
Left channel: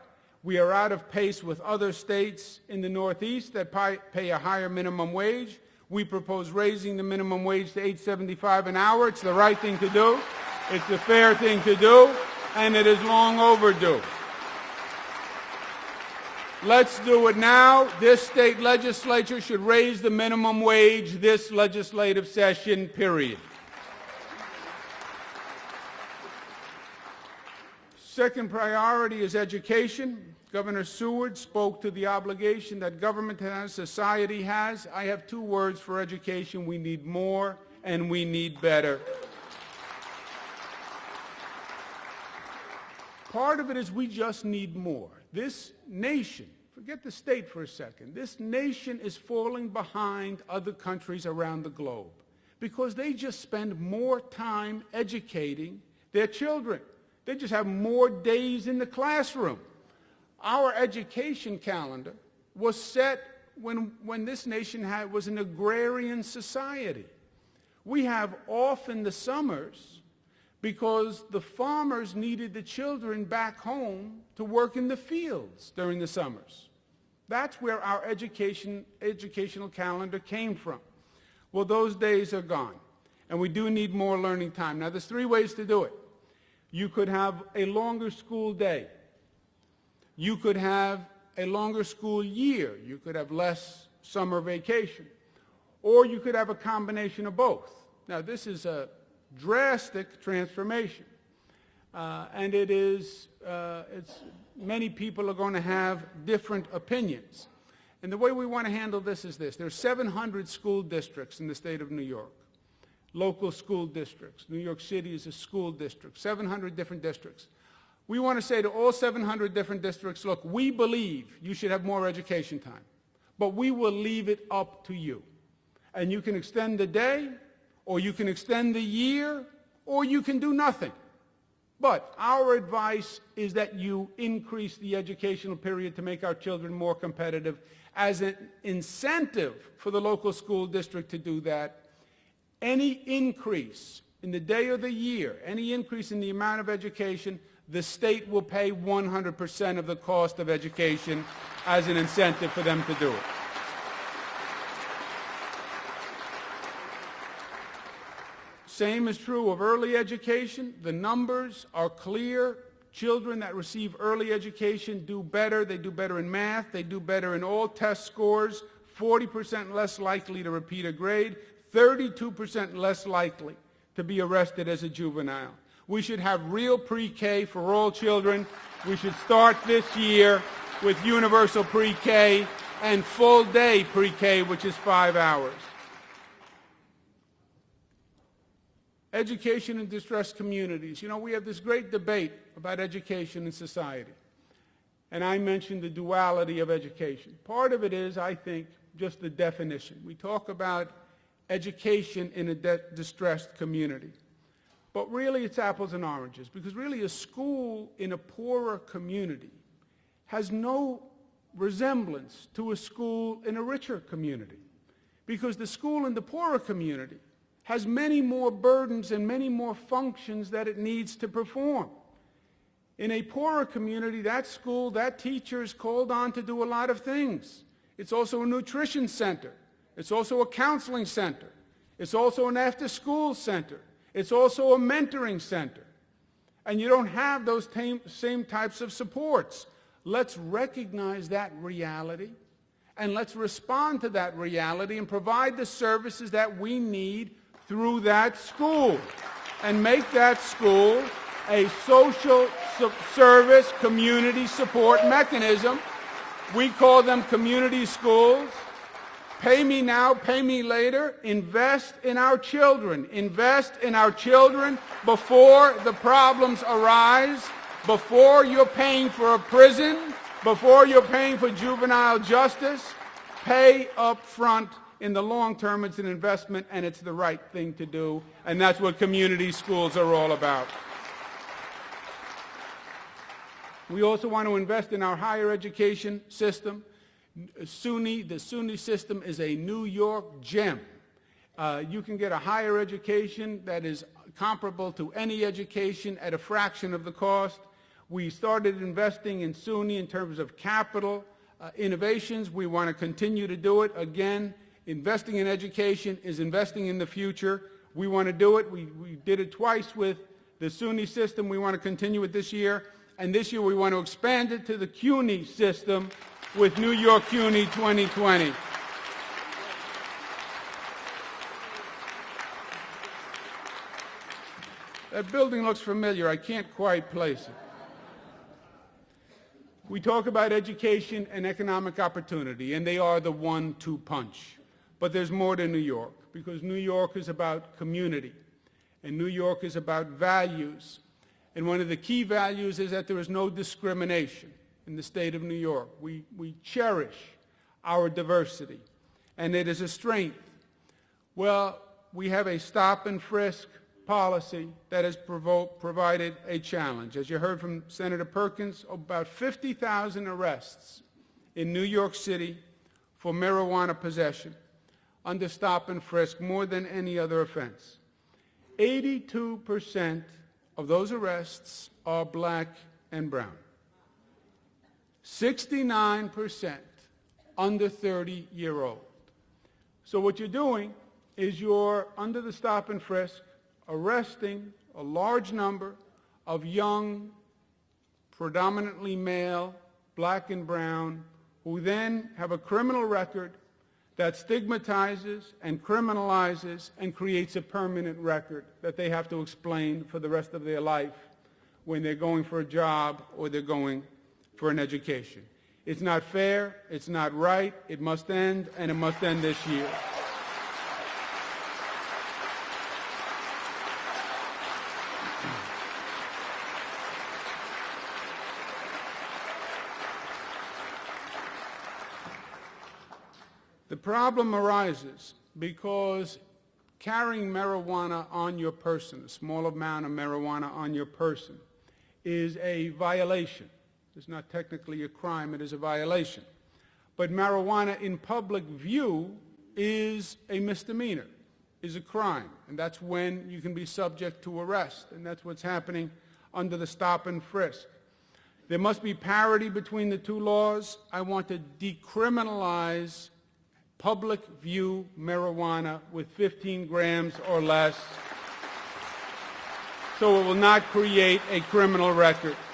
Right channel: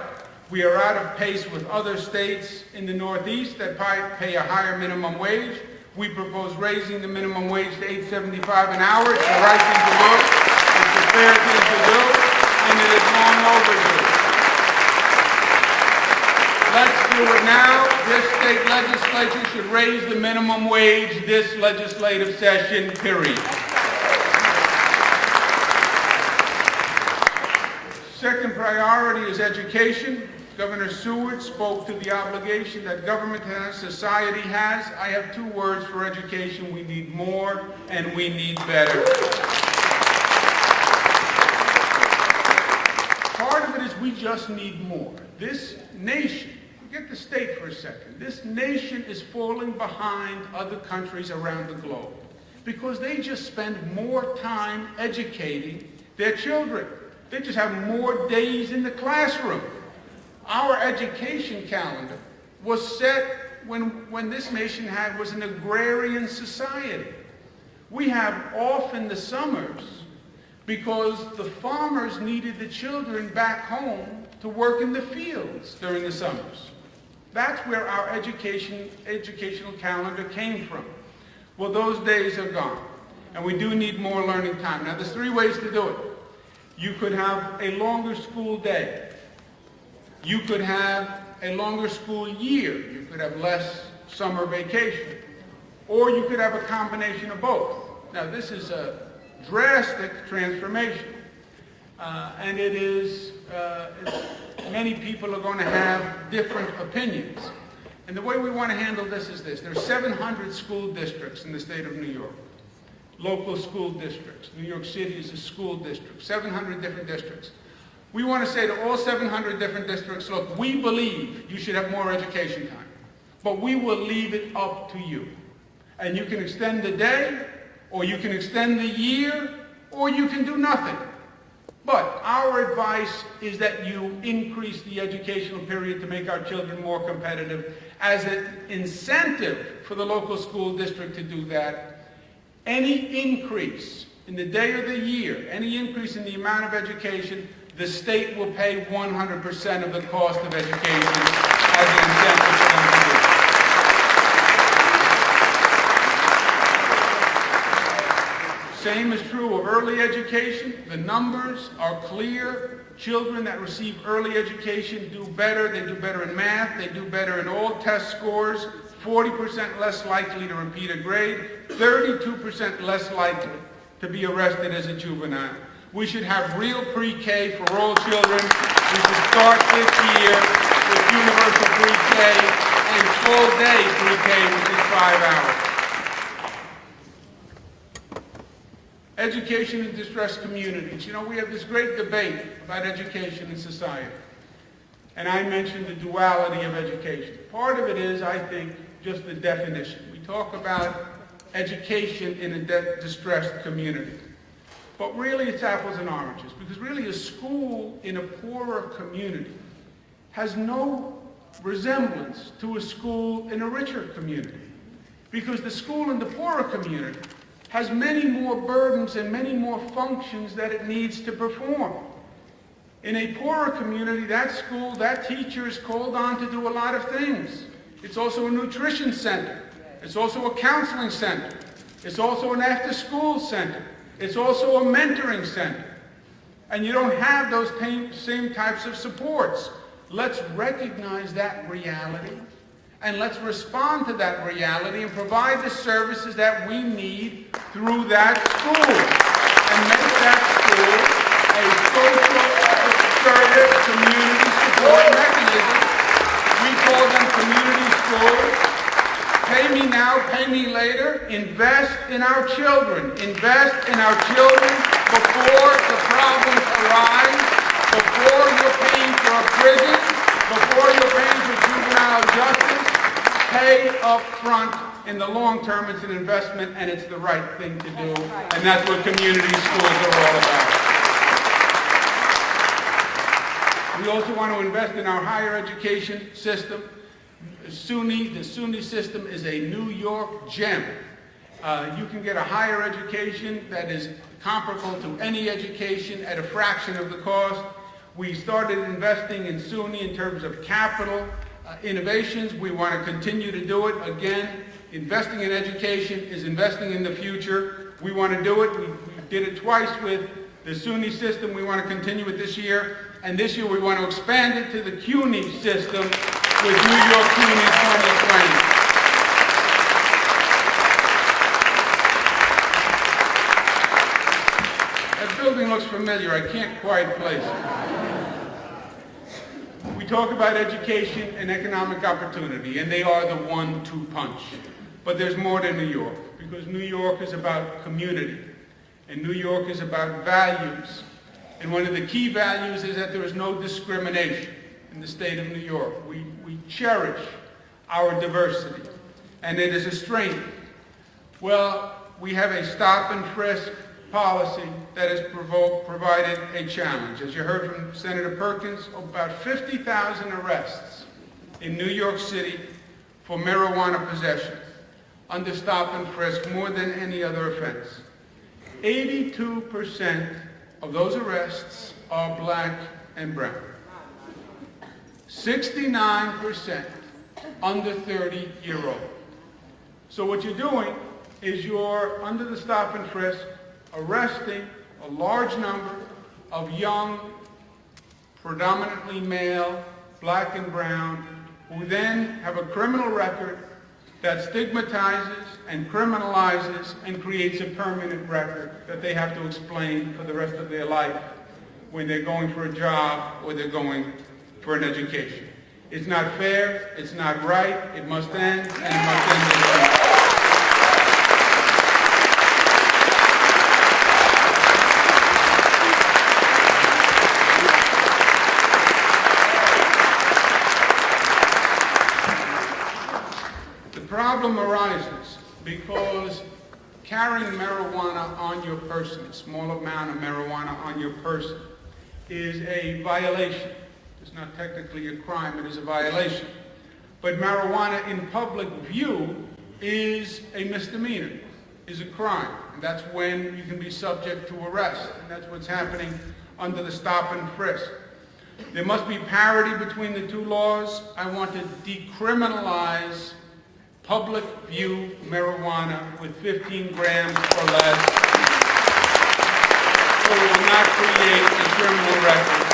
We are out of pace with other states in the Northeast that pay a higher minimum wage. We propose raising the minimum wage to $8.75 an hour. It's the right thing to do. It's the fair thing to do, and it is long overdue. Let's do it now. This state legislature should raise the minimum wage this legislative session, period. Second priority is education. Governor Seward spoke to the obligation that government and society has. I have two words for education. We need more and we need better. Part of it is we just need more. This nation, forget the state for a second, this nation is falling behind other countries around the globe because they just spend more time educating their children. They just have more days in the classroom. Our education calendar was set when this nation was an agrarian society. We have off in the summers because the farmers needed the children back home to work in the fields during the summers. That's where our educational calendar came from. Well, those days are gone, and we do need more learning time. Now, there's three ways to do it. You could have a longer school day. You could have a longer school year. You could have less summer vacation. Or you could have a combination of both. Now, this is a drastic transformation. And it is, many people are going to have different opinions. And the way we want to handle this is this. There are 700 school districts in the state of New York. Local school districts. New York City is a school district. 700 different districts. We want to say to all 700 different districts, look, we believe you should have more education time, but we will leave it up to you. And you can extend the day, or you can extend the year, or you can do nothing. But our advice is that you increase the educational period to make our children more competitive. As an incentive for the local school district to do that, any increase in the day of the year, any increase in the amount of education, the state will pay 100% of the cost of education as an incentive for them to do. Same is true of early education. The numbers are clear. Children that receive early education do better. They do better in math. They do better in all test scores. 40% less likely to repeat a grade. 32% less likely to be arrested as a juvenile. We should have real pre-K for all children. We should start this year with universal pre-K and full-day pre-K, which is 5 hours. Education in distressed communities. You know, we have this great debate about education in society. And I mentioned the duality of education. Part of it is, I think, just the definition. We talk about education in a distressed community. But really it's apples and oranges, because really a school in a poorer community has no resemblance to a school in a richer community. Because the school in the poorer community has many more burdens and many more functions that it needs to perform. In a poorer community, that school, that teacher is called on to do a lot of things. It's also a nutrition center. It's also a counseling center. It's also an after-school center. It's also a mentoring center. And you don't have those same types of supports. Let's recognize that reality, and let's respond to that reality and provide the services that we need through that school, and make that school a social service community support mechanism. We call them community schools. Pay me now, pay me later. Invest in our children. Invest in our children before the problems arise, before you're paying for a prison, before you're paying for juvenile justice. Pay up front. In the long term, it's an investment, and it's the right thing to do. And that's what community schools are all about. We also want to invest in our higher education system. The SUNY system is a New York gem. You can get a higher education that is comparable to any education at a fraction of the cost. We started investing in SUNY in terms of capital innovations. We want to continue to do it. Again, investing in education is investing in the future. We want to do it. We did it twice with the SUNY system. We want to continue it this year. And this year we want to expand it to the CUNY system with New York CUNY 2020. That building looks familiar. I can't quite place it. We talk about education and economic opportunity, and they are the 1-2 punch. But there's more to New York, because New York is about community, and New York is about values. And one of the key values is that there is no discrimination in the state of New York. We cherish our diversity, and it is a strength. Well, we have a stop and frisk policy that has provided a challenge. As you heard from Senator Perkins, about 50,000 arrests in New York City for marijuana possession under stop and frisk, more than any other offense. 82% of those arrests are black and brown. 69% under 30-year-old. So what you're doing is you're, under the stop and frisk, arresting a large number of young, predominantly male, black and brown, who then have a criminal record that stigmatizes and criminalizes and creates a permanent record that they have to explain for the rest of their life when they're going for a job or they're going for an education. It's not fair, it's not right, it must end, and it must end this way. The problem arises because carrying marijuana on your person, a small amount of marijuana on your person, is a violation. It's not technically a crime, but it's a violation. But marijuana in public view is a misdemeanor, is a crime. And that's when you can be subject to arrest. And that's what's happening under the stop and frisk. There must be parity between the two laws. I want to decriminalize public view marijuana with 15 grams or less, so it will not create a criminal record.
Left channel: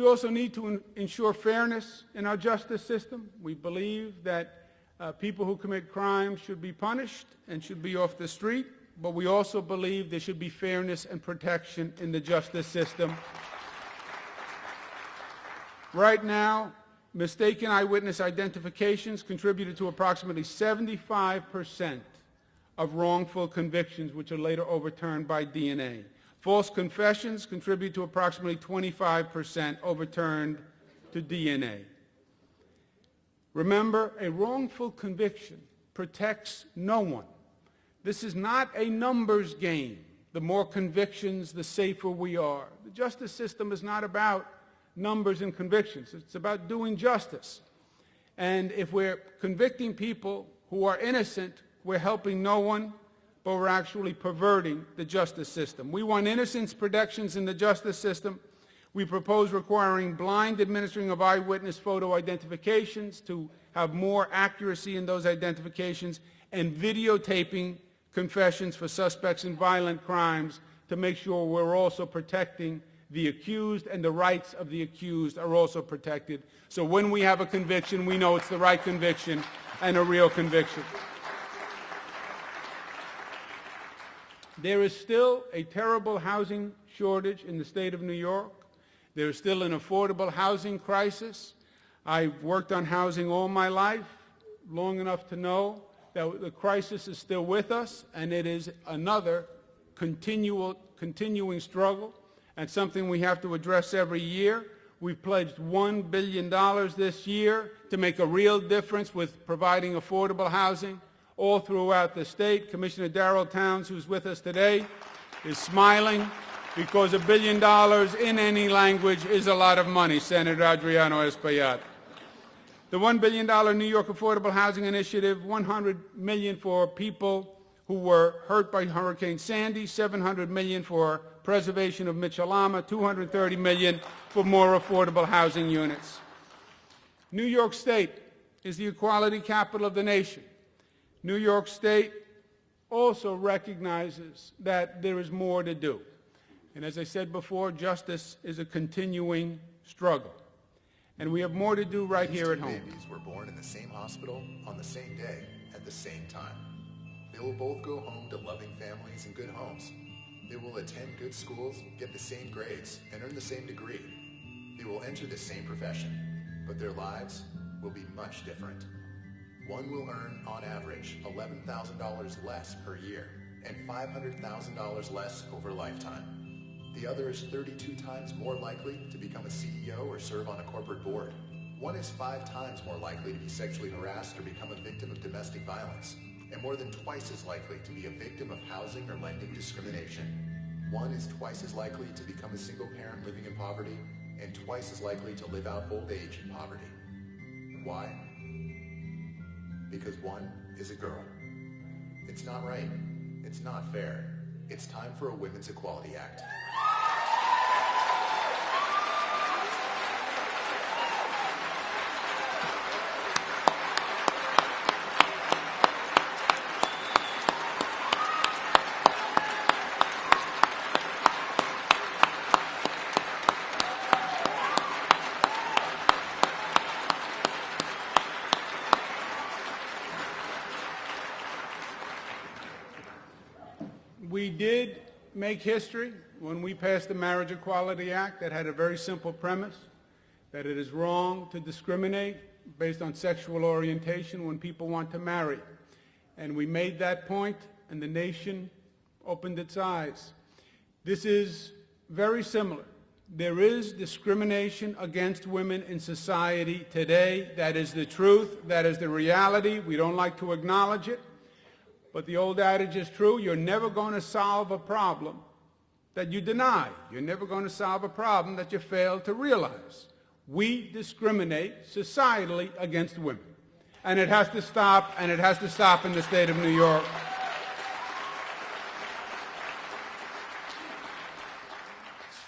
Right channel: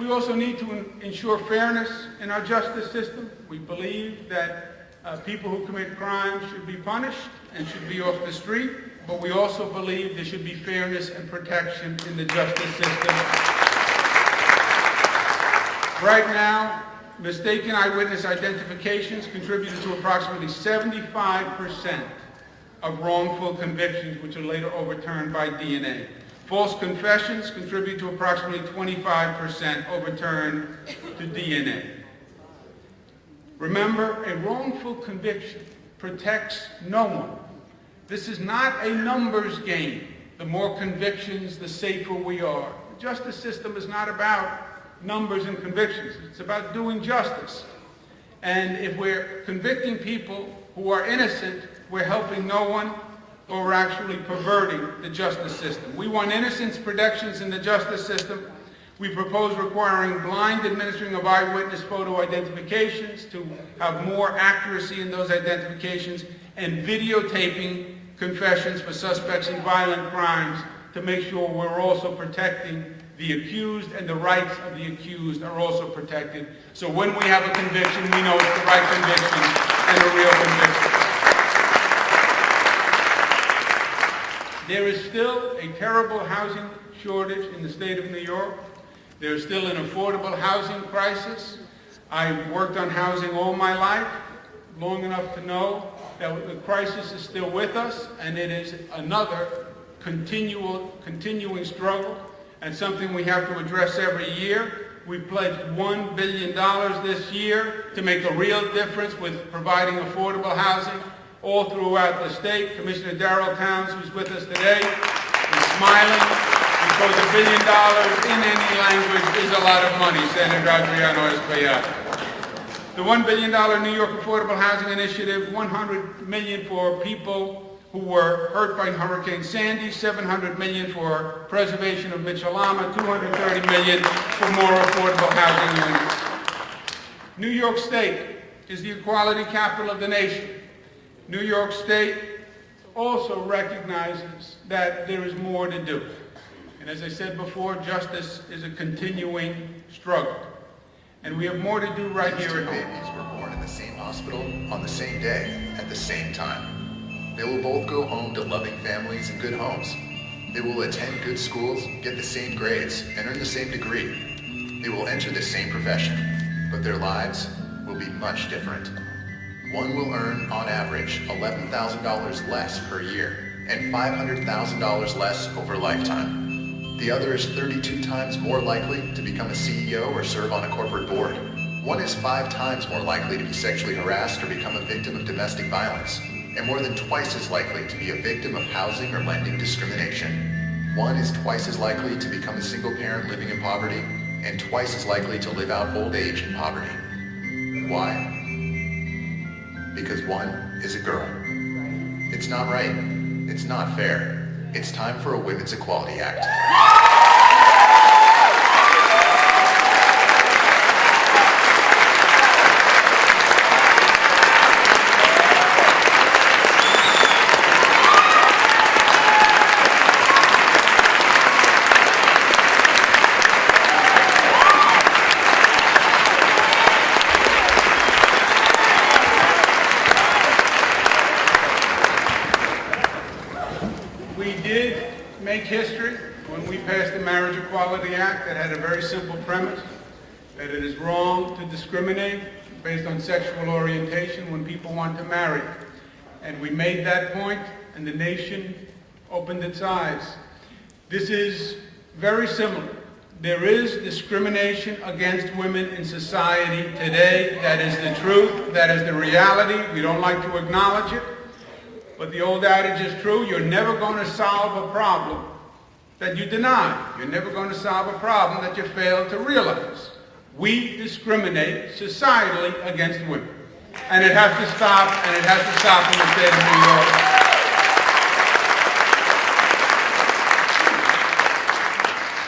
We also need to ensure fairness in our justice system. We believe that people who commit crimes should be punished and should be off the street, but we also believe there should be fairness and protection in the justice system. Right now, mistaken eyewitness identifications contribute to approximately 75% of wrongful convictions, which are later overturned by DNA. False confessions contribute to approximately 25% overturned to DNA. Remember, a wrongful conviction protects no one. This is not a numbers game. The more convictions, the safer we are. The justice system is not about numbers and convictions. It's about doing justice. And if we're convicting people who are innocent, we're helping no one, or we're actually perverting the justice system. We want innocence protections in the justice system. We propose requiring blind administering of eyewitness photo identifications to have more accuracy in those identifications, and videotaping confessions for suspects in violent crimes to make sure we're also protecting the accused, and the rights of the accused are also protected. So when we have a conviction, we know it's the right conviction and a real conviction. There is still a terrible housing shortage in the state of New York. There's still an affordable housing crisis. I've worked on housing all my life, long enough to know that the crisis is still with us, and it is another continuing struggle, and something we have to address every year. We pledged $1 billion this year to make a real difference with providing affordable housing all throughout the state. Commissioner Darrell Towns, who's with us today, is smiling because $1 billion in any language is a lot of money. Senator Adriano Escobar. The $1 billion New York Affordable Housing Initiative, $100 million for people who were hurt by Hurricane Sandy, $700 million for preservation of Mitchell-Lama, $230 million for more affordable housing units. New York State is the equality capital of the nation. New York State also recognizes that there is more to do. And as I said before, justice is a continuing struggle. And we have more to do right here at home. Babies were born in the same hospital on the same day at the same time. They will both go home to loving families and good homes. They will attend good schools, get the same grades, and earn the same degree. They will enter the same profession, but their lives will be much different. One will earn, on average, $11,000 less per year and $500,000 less over a lifetime. The other is 32 times more likely to become a CEO or serve on a corporate board. One is 5 times more likely to be sexually harassed or become a victim of domestic violence, and more than twice as likely to be a victim of housing or lending discrimination. One is twice as likely to become a single parent living in poverty, and twice as likely to live out old age in poverty. Why? Because one is a girl. It's not right. It's not fair. It's time for a Women's Equality Act. We did make history when we passed the Marriage Equality Act that had a very simple premise, that it is wrong to discriminate based on sexual orientation when people want to marry. And we made that point, and the nation opened its eyes. This is very similar. There is discrimination against women in society today. That is the truth. That is the reality. We don't like to acknowledge it. But the old adage is true. You're never going to solve a problem that you deny. You're never going to solve a problem that you fail to realize. We discriminate societally against women. And it has to stop, and it has to stop in the state of New York.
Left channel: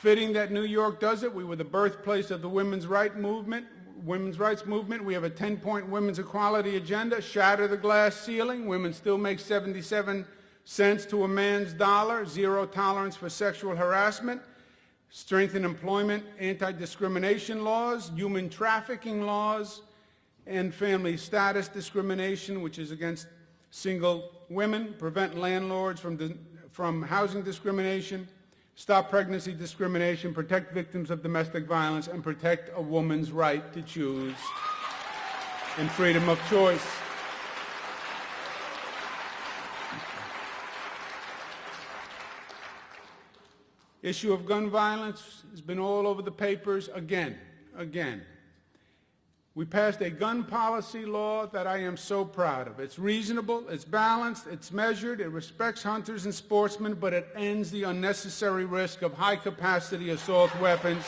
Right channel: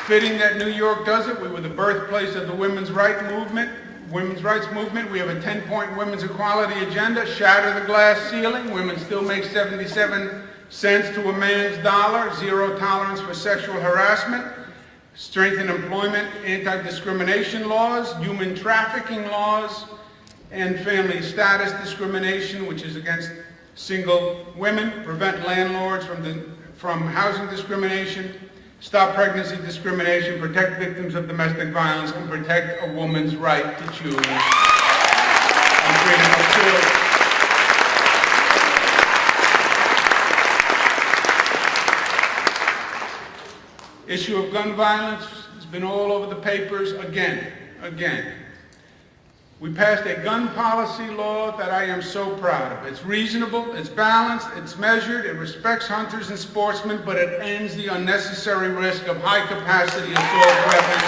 Fitting that New York does it. We were the birthplace of the women's rights movement. We have a 10-point women's equality agenda. Shatter the glass ceiling. Women still make 77 cents to a man's dollar. Zero tolerance for sexual harassment. Strengthen employment, anti-discrimination laws, human trafficking laws, and family status discrimination, which is against single women. Prevent landlords from housing discrimination. Stop pregnancy discrimination, protect victims of domestic violence, and protect a woman's right to choose and freedom of choice. Issue of gun violence has been all over the papers again. We passed a gun policy law that I am so proud of. It's reasonable, it's balanced, it's measured, it respects hunters and sportsmen, but it ends the unnecessary risk of high-capacity assault weapons.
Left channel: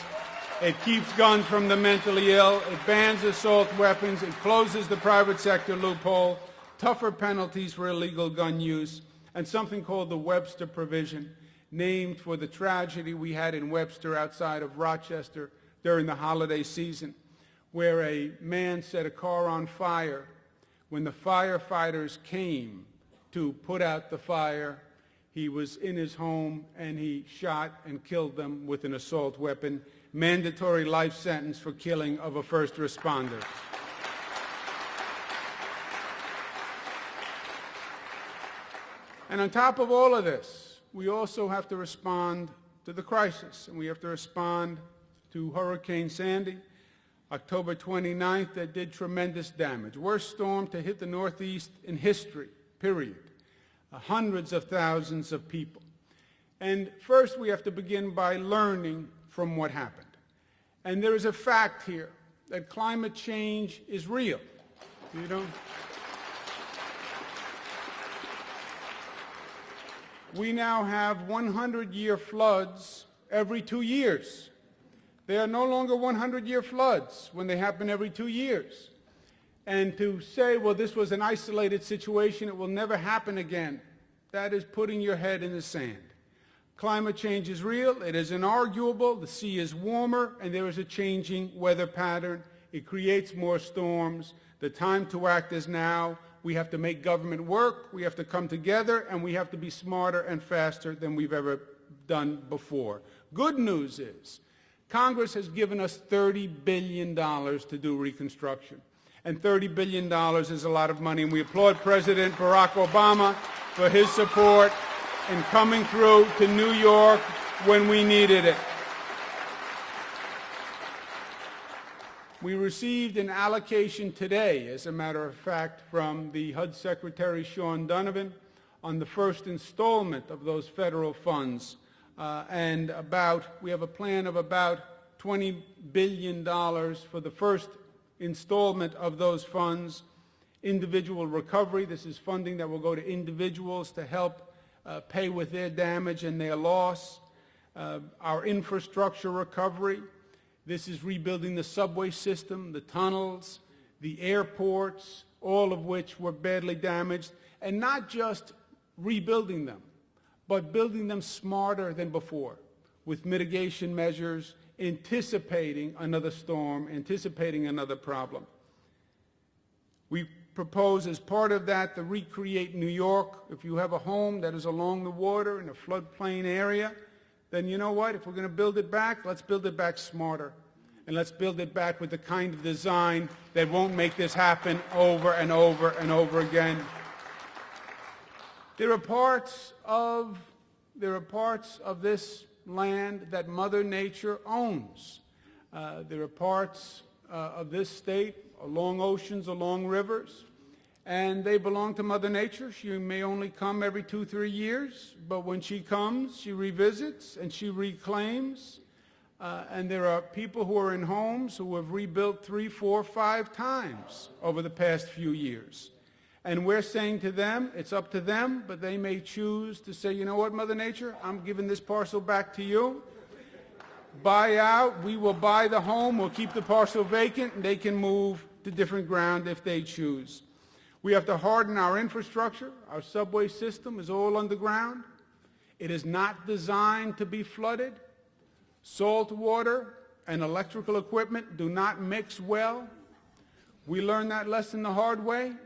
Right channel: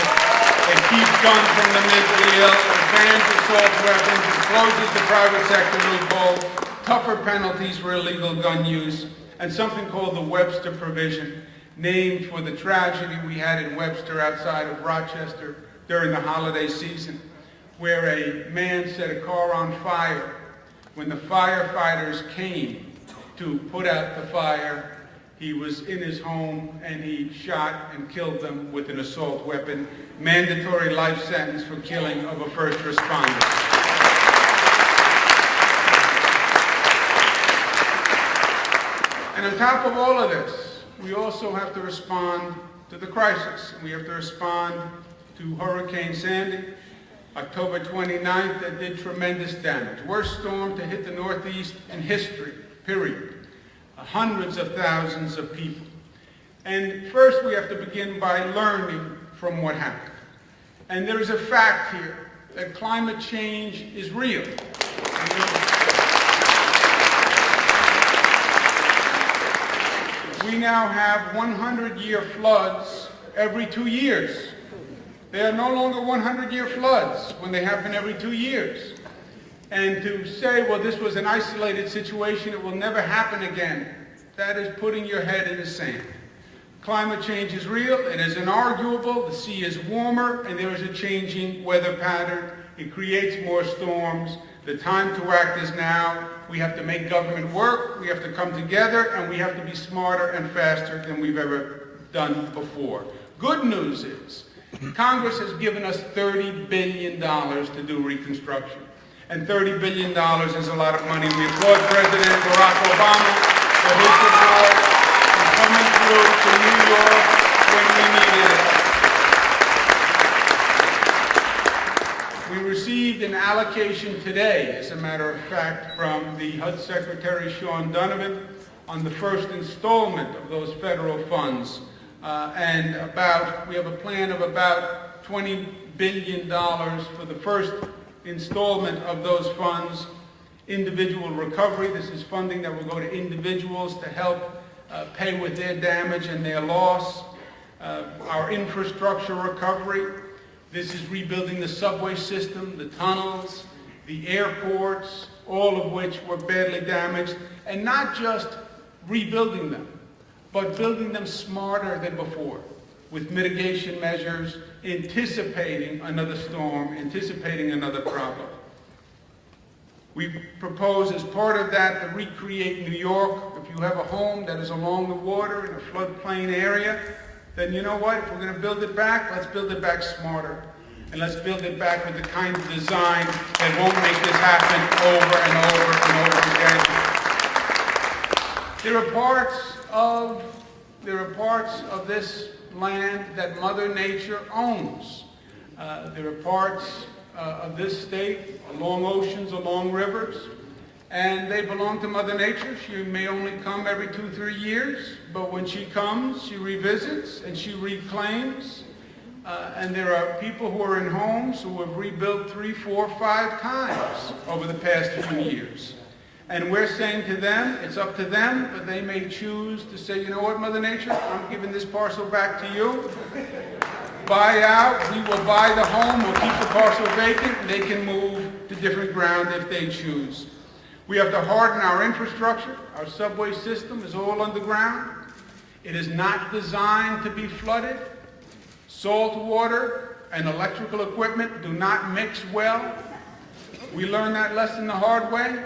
It keeps guns from the mentally ill, it bans assault weapons, it closes the private sector loophole, tougher penalties for illegal gun use, and something called the Webster Provision, named for the tragedy we had in Webster outside of Rochester during the holiday season, where a man set a car on fire. When the firefighters came to put out the fire, he was in his home and he shot and killed them with an assault weapon. Mandatory life sentence for killing of a first responder. And on top of all of this, we also have to respond to the crisis. We have to respond to Hurricane Sandy, October 29th, that did tremendous damage. Worst storm to hit the Northeast in history, period. Hundreds of thousands of people. And first we have to begin by learning from what happened. And there's a fact here that climate change is real. We now have 100-year floods every 2 years. They are no longer 100-year floods when they happen every 2 years. And to say, well, this was an isolated situation, it will never happen again, that is putting your head in the sand. Climate change is real, it is inarguable, the sea is warmer, and there is a changing weather pattern. It creates more storms. The time to act is now. We have to make government work, we have to come together, and we have to be smarter and faster than we've ever done before. Good news is, Congress has given us $30 billion to do Reconstruction. And $30 billion is a lot of money. We applaud President Barack Obama for his support and coming through to New York when we needed it. We received an allocation today, as a matter of fact, from the HUD Secretary Sean Donovan on the first installment of those federal funds. And we have a plan of about $20 billion for the first installment of those funds. Individual recovery, this is funding that will go to individuals to help pay with their damage and their loss. Our infrastructure recovery, this is rebuilding the subway system, the tunnels, the airports, all of which were badly damaged, and not just rebuilding them, but building them smarter than before, with mitigation measures, anticipating another storm, anticipating another problem. We propose as part of that to recreate New York. If you have a home that is along the water in a floodplain area, then you know what? If we're going to build it back, let's build it back smarter. And let's build it back with the kind of design that won't make this happen over and over and over again. There are parts of this land that Mother Nature owns. There are parts of this state along oceans, along rivers, and they belong to Mother Nature. She may only come every 2-3 years, but when she comes, she revisits and she reclaims. And there are people who are in homes who have rebuilt 3, 4, 5 times over the past few years. And we're saying to them, it's up to them, but they may choose to say, you know what, Mother Nature, I'm giving this parcel back to you. Buy out, we will buy the home, we'll keep the parcel vacant, they can move to different ground if they choose. We have to harden our infrastructure. Our subway system is all underground. It is not designed to be flooded. Salt water and electrical equipment do not mix well. We learned that lesson the hard way.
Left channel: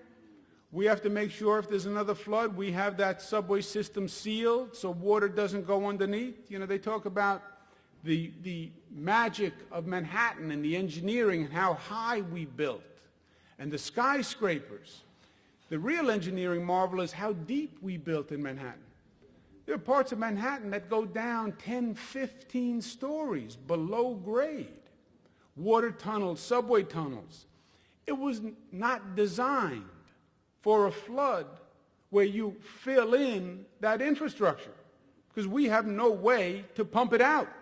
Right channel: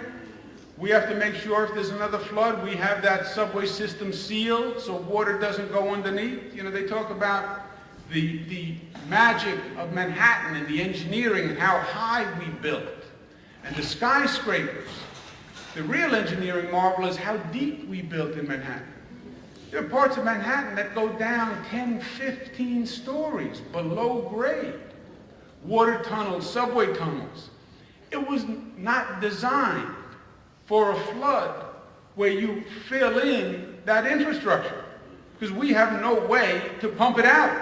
We have to make sure if there's another flood, we have that subway system sealed so water doesn't go underneath. You know, they talk about the magic of Manhattan and the engineering and how high we built and the skyscrapers. The real engineering marvel is how deep we built in Manhattan. There are parts of Manhattan that go down 10, 15 stories below grade. Water tunnels, subway tunnels. It was not designed for a flood where you fill in that infrastructure because we have no way to pump it out.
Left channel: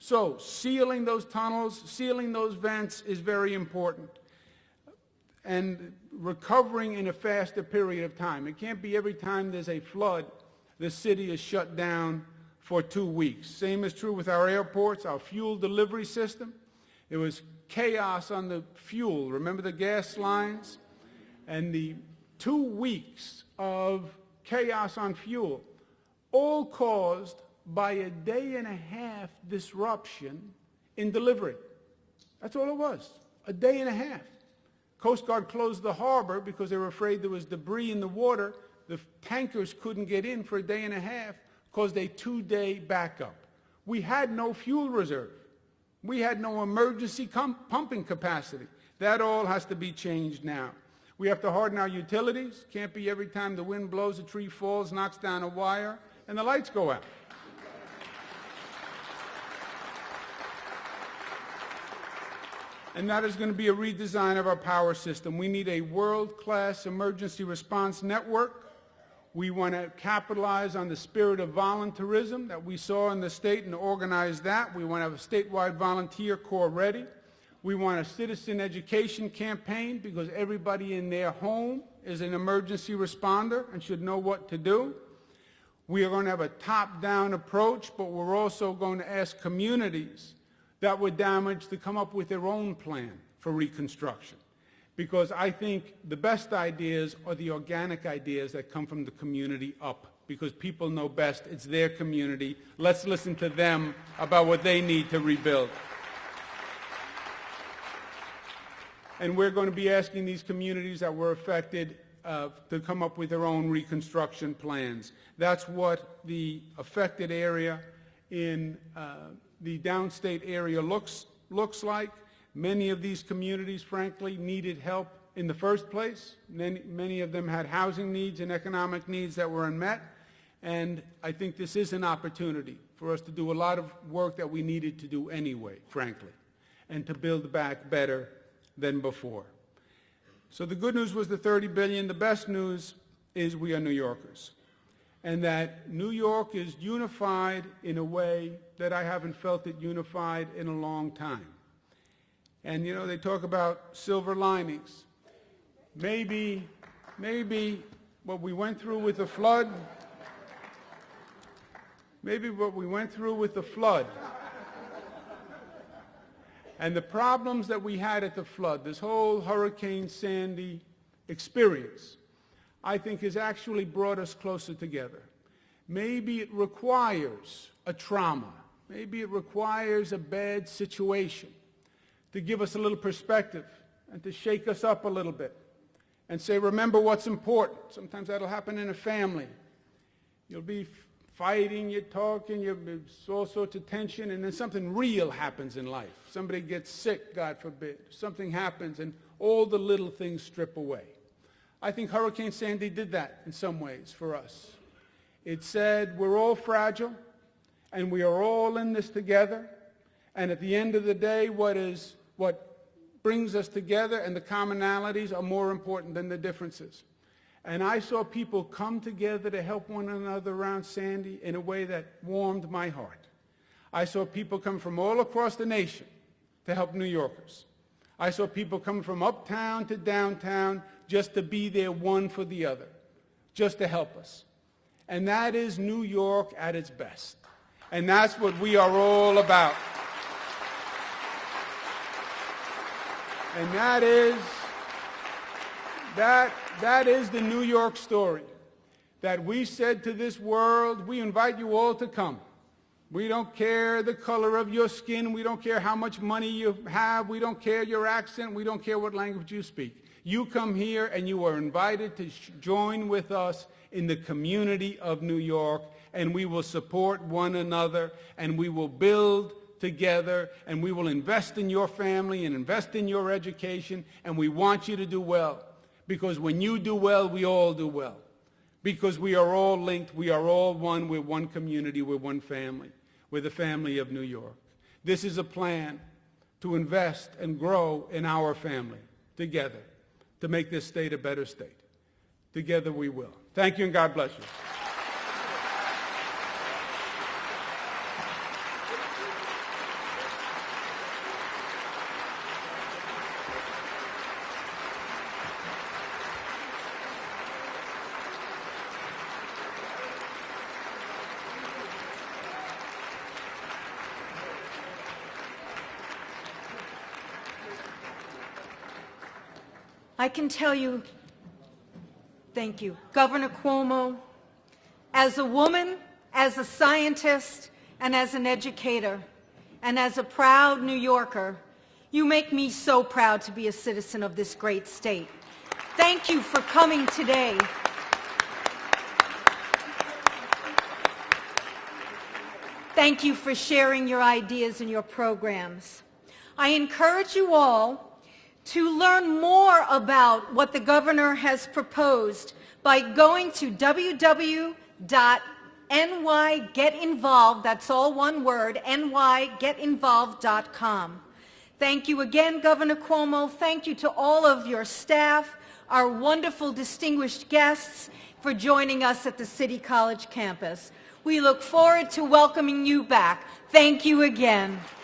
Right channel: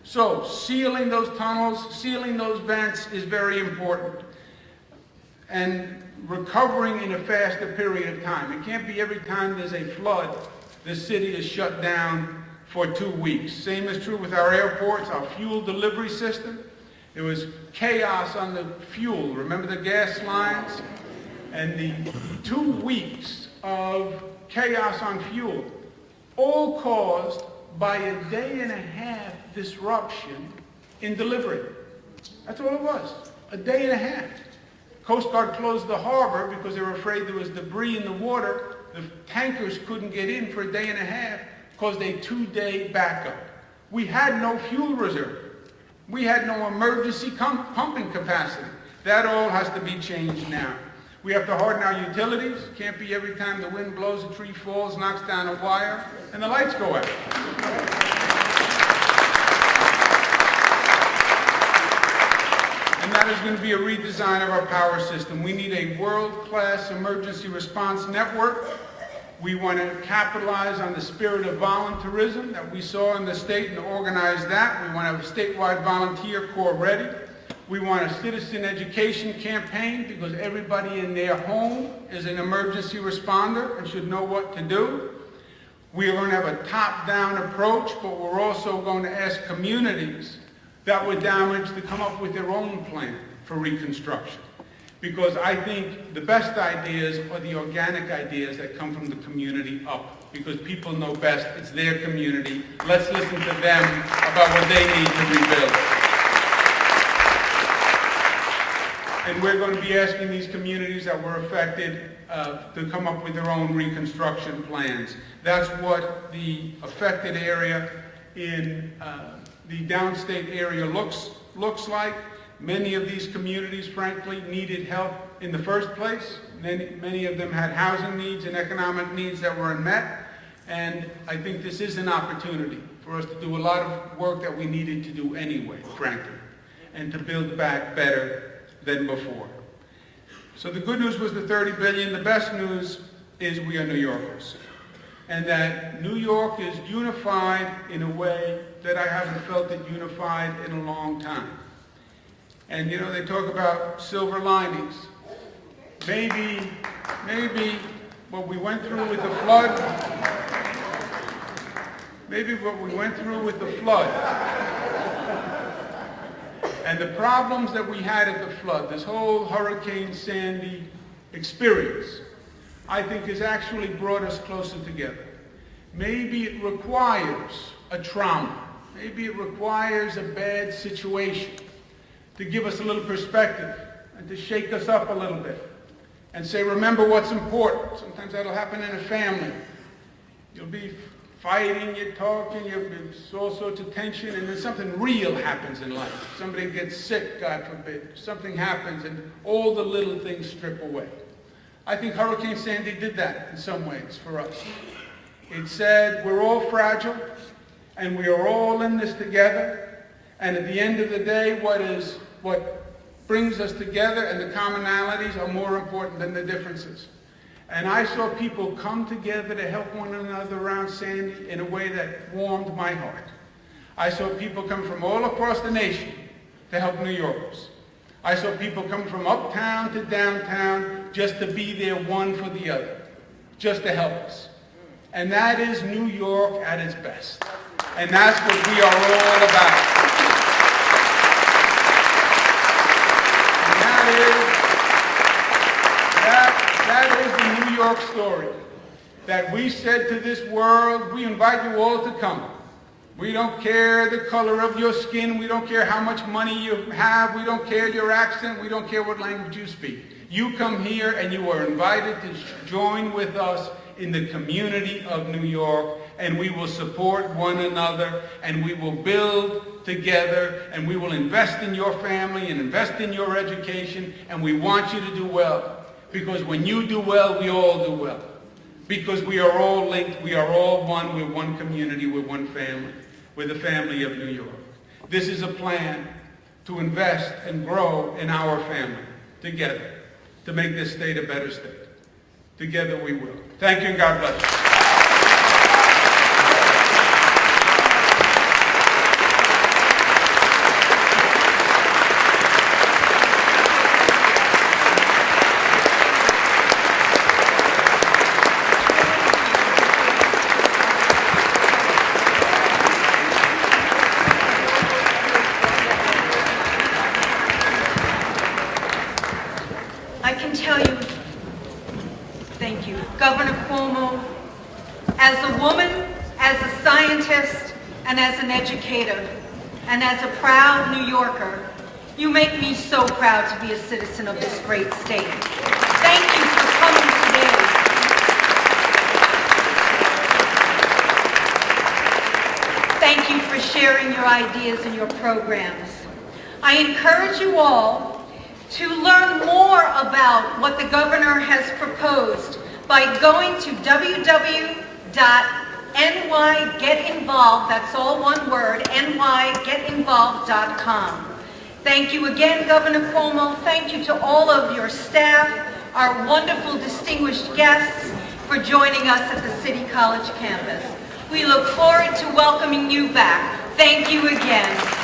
So sealing those tunnels, sealing those vents is very important. and recovering in a faster period of time. It can't be every time there's a flood, the city is shut down for 2 weeks. Same is true with our airports, our fuel delivery system. There was chaos on the fuel. Remember the gas lines? And the 2 weeks of chaos on fuel, all caused by a day and a half disruption in delivery. That's all it was, a day and a half. Coast Guard closed the harbor because they were afraid there was debris in the water. The tankers couldn't get in for a day and a half, caused a 2-day backup. We had no fuel reserve. We had no emergency pumping capacity. That all has to be changed now. We have to harden our utilities. It can't be every time the wind blows, a tree falls, knocks down a wire, and the lights go out. And that is going to be a redesign of our power system. We need a world-class emergency response network. We want to capitalize on the spirit of volunteerism that we saw in the state and organize that. We want to have a statewide volunteer corps ready. We want a citizen education campaign because everybody in their home is an emergency responder and should know what to do. We are going to have a top-down approach, but we're also going to ask communities that were damaged to come up with their own plan for reconstruction. Because I think the best ideas are the organic ideas that come from the community up. Because people know best, it's their community. Let's listen to them about what they need to rebuild. And we're going to be asking these communities that were affected to come up with their own reconstruction plans. That's what the affected area in the downstate area looks like. Many of these communities, frankly, needed help in the first place. Many of them had housing needs and economic needs that were unmet. And I think this is an opportunity for us to do a lot of work that we needed to do anyway, frankly, and to build back better than before. So the good news was the $30 billion. The best news is we are New Yorkers. And that New York is unified in a way that I haven't felt it unified in a long time. And you know, they talk about silver linings. Maybe what we went through with the flood, and the problems that we had at the flood, this whole Hurricane Sandy experience, I think has actually brought us closer together. Maybe it requires a trauma. Maybe it requires a bad situation to give us a little perspective and to shake us up a little bit and say, remember what's important. Sometimes that'll happen in a family. You'll be fighting, you're talking, there's all sorts of tension, and then something real happens in life. Somebody gets sick, God forbid. Something happens, and all the little things strip away. I think Hurricane Sandy did that in some ways for us. It said we're all fragile, and we are all in this together, and at the end of the day, what brings us together and the commonalities are more important than the differences. And I saw people come together to help one another around Sandy in a way that warmed my heart. I saw people come from all across the nation to help New Yorkers. I saw people come from uptown to downtown just to be there one for the other, just to help us. And that is New York at its best. And that's what we are all about. That is the New York story. That we said to this world, we invite you all to come. We don't care the color of your skin. We don't care how much money you have. We don't care your accent. We don't care what language you speak. You come here and you are invited to join with us in the community of New York, and we will support one another, and we will build together, and we will invest in your family and invest in your education, and we want you to do well. Because when you do well, we all do well. Because we are all linked, we are all one, we're one community, we're one family. We're the family of New York. This is a plan to invest and grow in our family together, to make this state a better state. Together we will. Thank you, God bless you. and as an educator, and as a proud New Yorker, you make me so proud to be a citizen of this great state. Thank you for coming today. Thank you for sharing your ideas and your programs. I encourage you all to learn more about what the governor has proposed by going to www.nygetinvolved, that's all one word, nygetinvolved.com. Thank you again, Governor Cuomo. Thank you to all of your staff, our wonderful distinguished guests, for joining us at the City College campus. We look forward to welcoming you back. Thank you again.